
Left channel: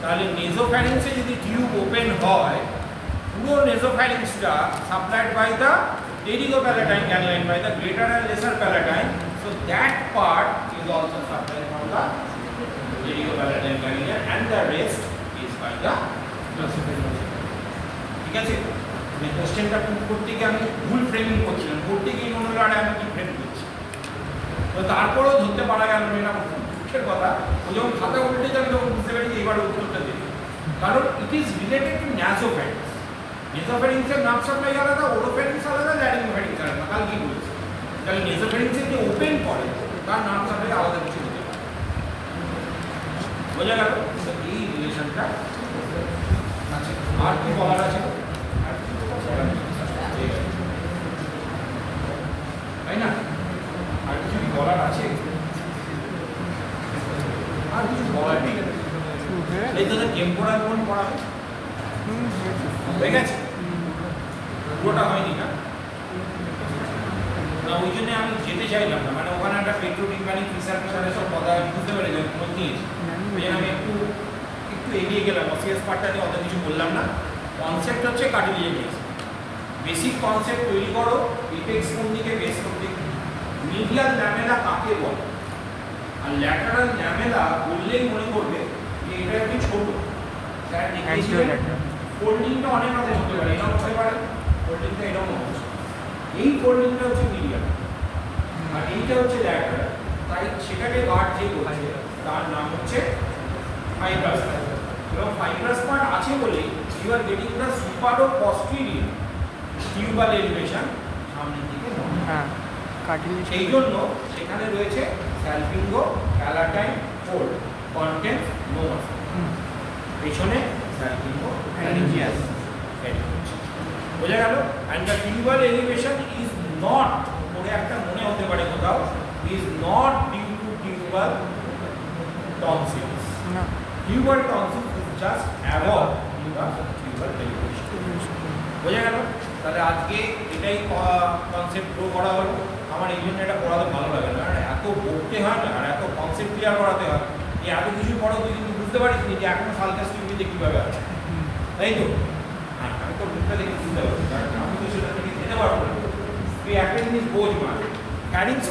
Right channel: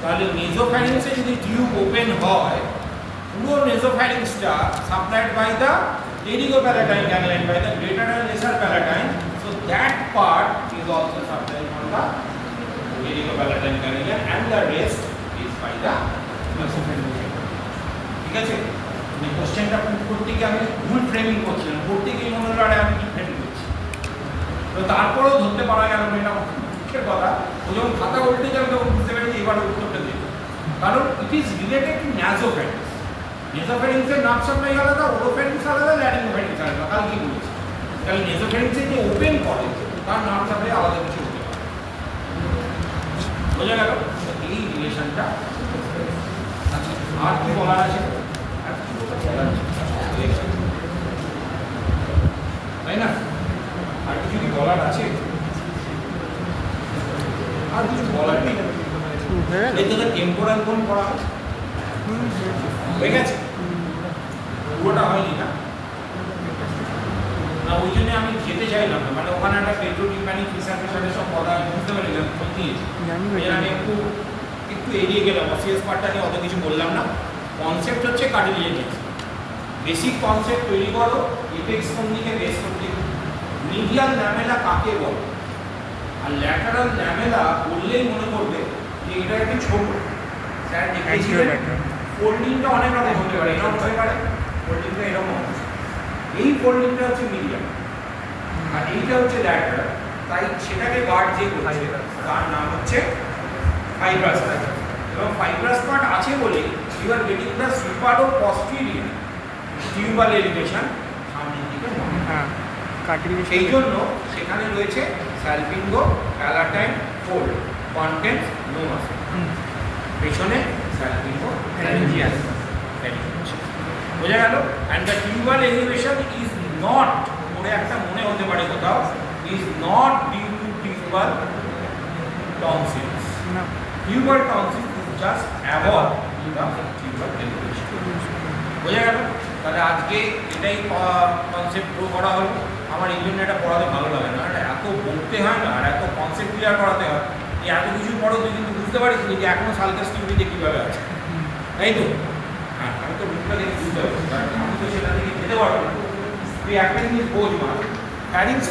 তাহলে নেসোফ্যারিংসে যদি টিউব ওপেন হয়, পুরো নেসোফ্যারিংসটা supplied by the pterygopalatine ganglion, by the greater and lesser palatine. So that part is also supplied from the pterygopalatine ganglion and the rest is by the nasopharyngeal. ঠিক আছে? আমি কোশ্চেনটা put করতে গিয়ে আমি ভুল ফ্রেমিং করছিলাম, করতে গিয়ে মনে হলো আরে আমি কি ফ্রেম করছি। তো তারপরেও ধরতে পারা গেল না, এটা দুঃখের কথা। ও যখন খাতা উল্টে যাবে তখন বুঝতে পারি যে এবার উত্তরটা দেবে, কারণ it is related to nasopharynx. নেসোফ্যারিংসের নার্ভ সাপ্লাই আলাদা, ওরোফ্যারিংস আলাদা, ল্যারিঙ্গোফ্যারিংস আলাদা। কাল কি বলেছি? তাহলে নেসোফ্যারিংসে যে ওপেন করে তার নার্ভ সাপ্লাই আলাদা কিছু হতে পারে। বোঝা গেল? তো এই রিলেশনটা আছে। আর কি বলার আছে? আর কি বলার নেই। তাই না? আর কিছু কি বলার আছে? আর কিছু বলার নেই। এই তো টেম্পোরাল কোন পড়া হয়? হয়ে গেছে? পুরোটা হয়নি না? না, ওই জন্য আমি যেতে চাইলাম না, মানে ওখানে একটা পেট্রোটিম্পানিক ফিসার সব কথা বুঝতে পেরে গেলাম, খোঁজ নিয়েছি। ওই জন্য আমি একটু এড়িয়ে গেলাম, অসিয়াস পার্টটা নিয়ে অত কিছু বললাম না। কনসেপ্ট হচ্ছে কার্টিলিয়াজিয়াস। বেসিক কনসেপ্ট তৈরি করো, এপেক্স কোন দিকে, বেস কোন দিকে। মিডিয়াল ল্যামেলা কাকে বলে? আর ল্যাটারাল ল্যামেলা বললেই মনে করবে যে এটা একটু ছোট। স্যার দেখিয়েছিলেন ফোল্ডিংটা অনেক রকম হতে পারে, এরকম হতে পারে, ফোল্ডিংটা এরকম হচ্ছে। এই ফোল্ডিংটা হচ্ছে মিডিয়াল আর এইটা হচ্ছে ল্যাটারাল। তাই সেটাকে গার্ড যে করছে তার নাম হচ্ছে ফাইব্রাস পার্ট। এবং ফাইব্রাস পার্ট আছে বলেই you are getting the supero posterior tubal elevation সামনের দিকে নয়। হ্যাঁ, কাটিলে সেই জন্য সেখানে রয়েছে salpingo palatine fold, contents no muscle. পেছনে স্যালপিঙ্গো ফ্যারিঞ্জিয়াস। বোঝা গেল? And the tubal elevation is not, পরে একটা মনে হতে পারে কোথাও, is not due to tubal tonsils. না, tubal tonsils is just avoid the tubal elevation. বোঝা গেল? তাহলে আজকে এটাই কনসেপ্ট প্রো করা হলো। আমার এই জন্য এটা পড়াতে ভালো লাগে না, কারণ এত বলতে হয় না আর এত কনসেপ্ট ক্লিয়ার করাতে হয়। এই এত কিছু পড়ো তুই কিন্তু বুঝতে পারিস নি যে এখনো সালকাস টিউবিতে কীভাবে আছে, তাই তো? হ্যাঁ, আমি তো রুটটা দেখে বুঝতে পারছি, কারণ আমি তো সেটা থেকে যেতে পারবো না। তুই একটা জিনিস বোঝ, মা প্যারিংস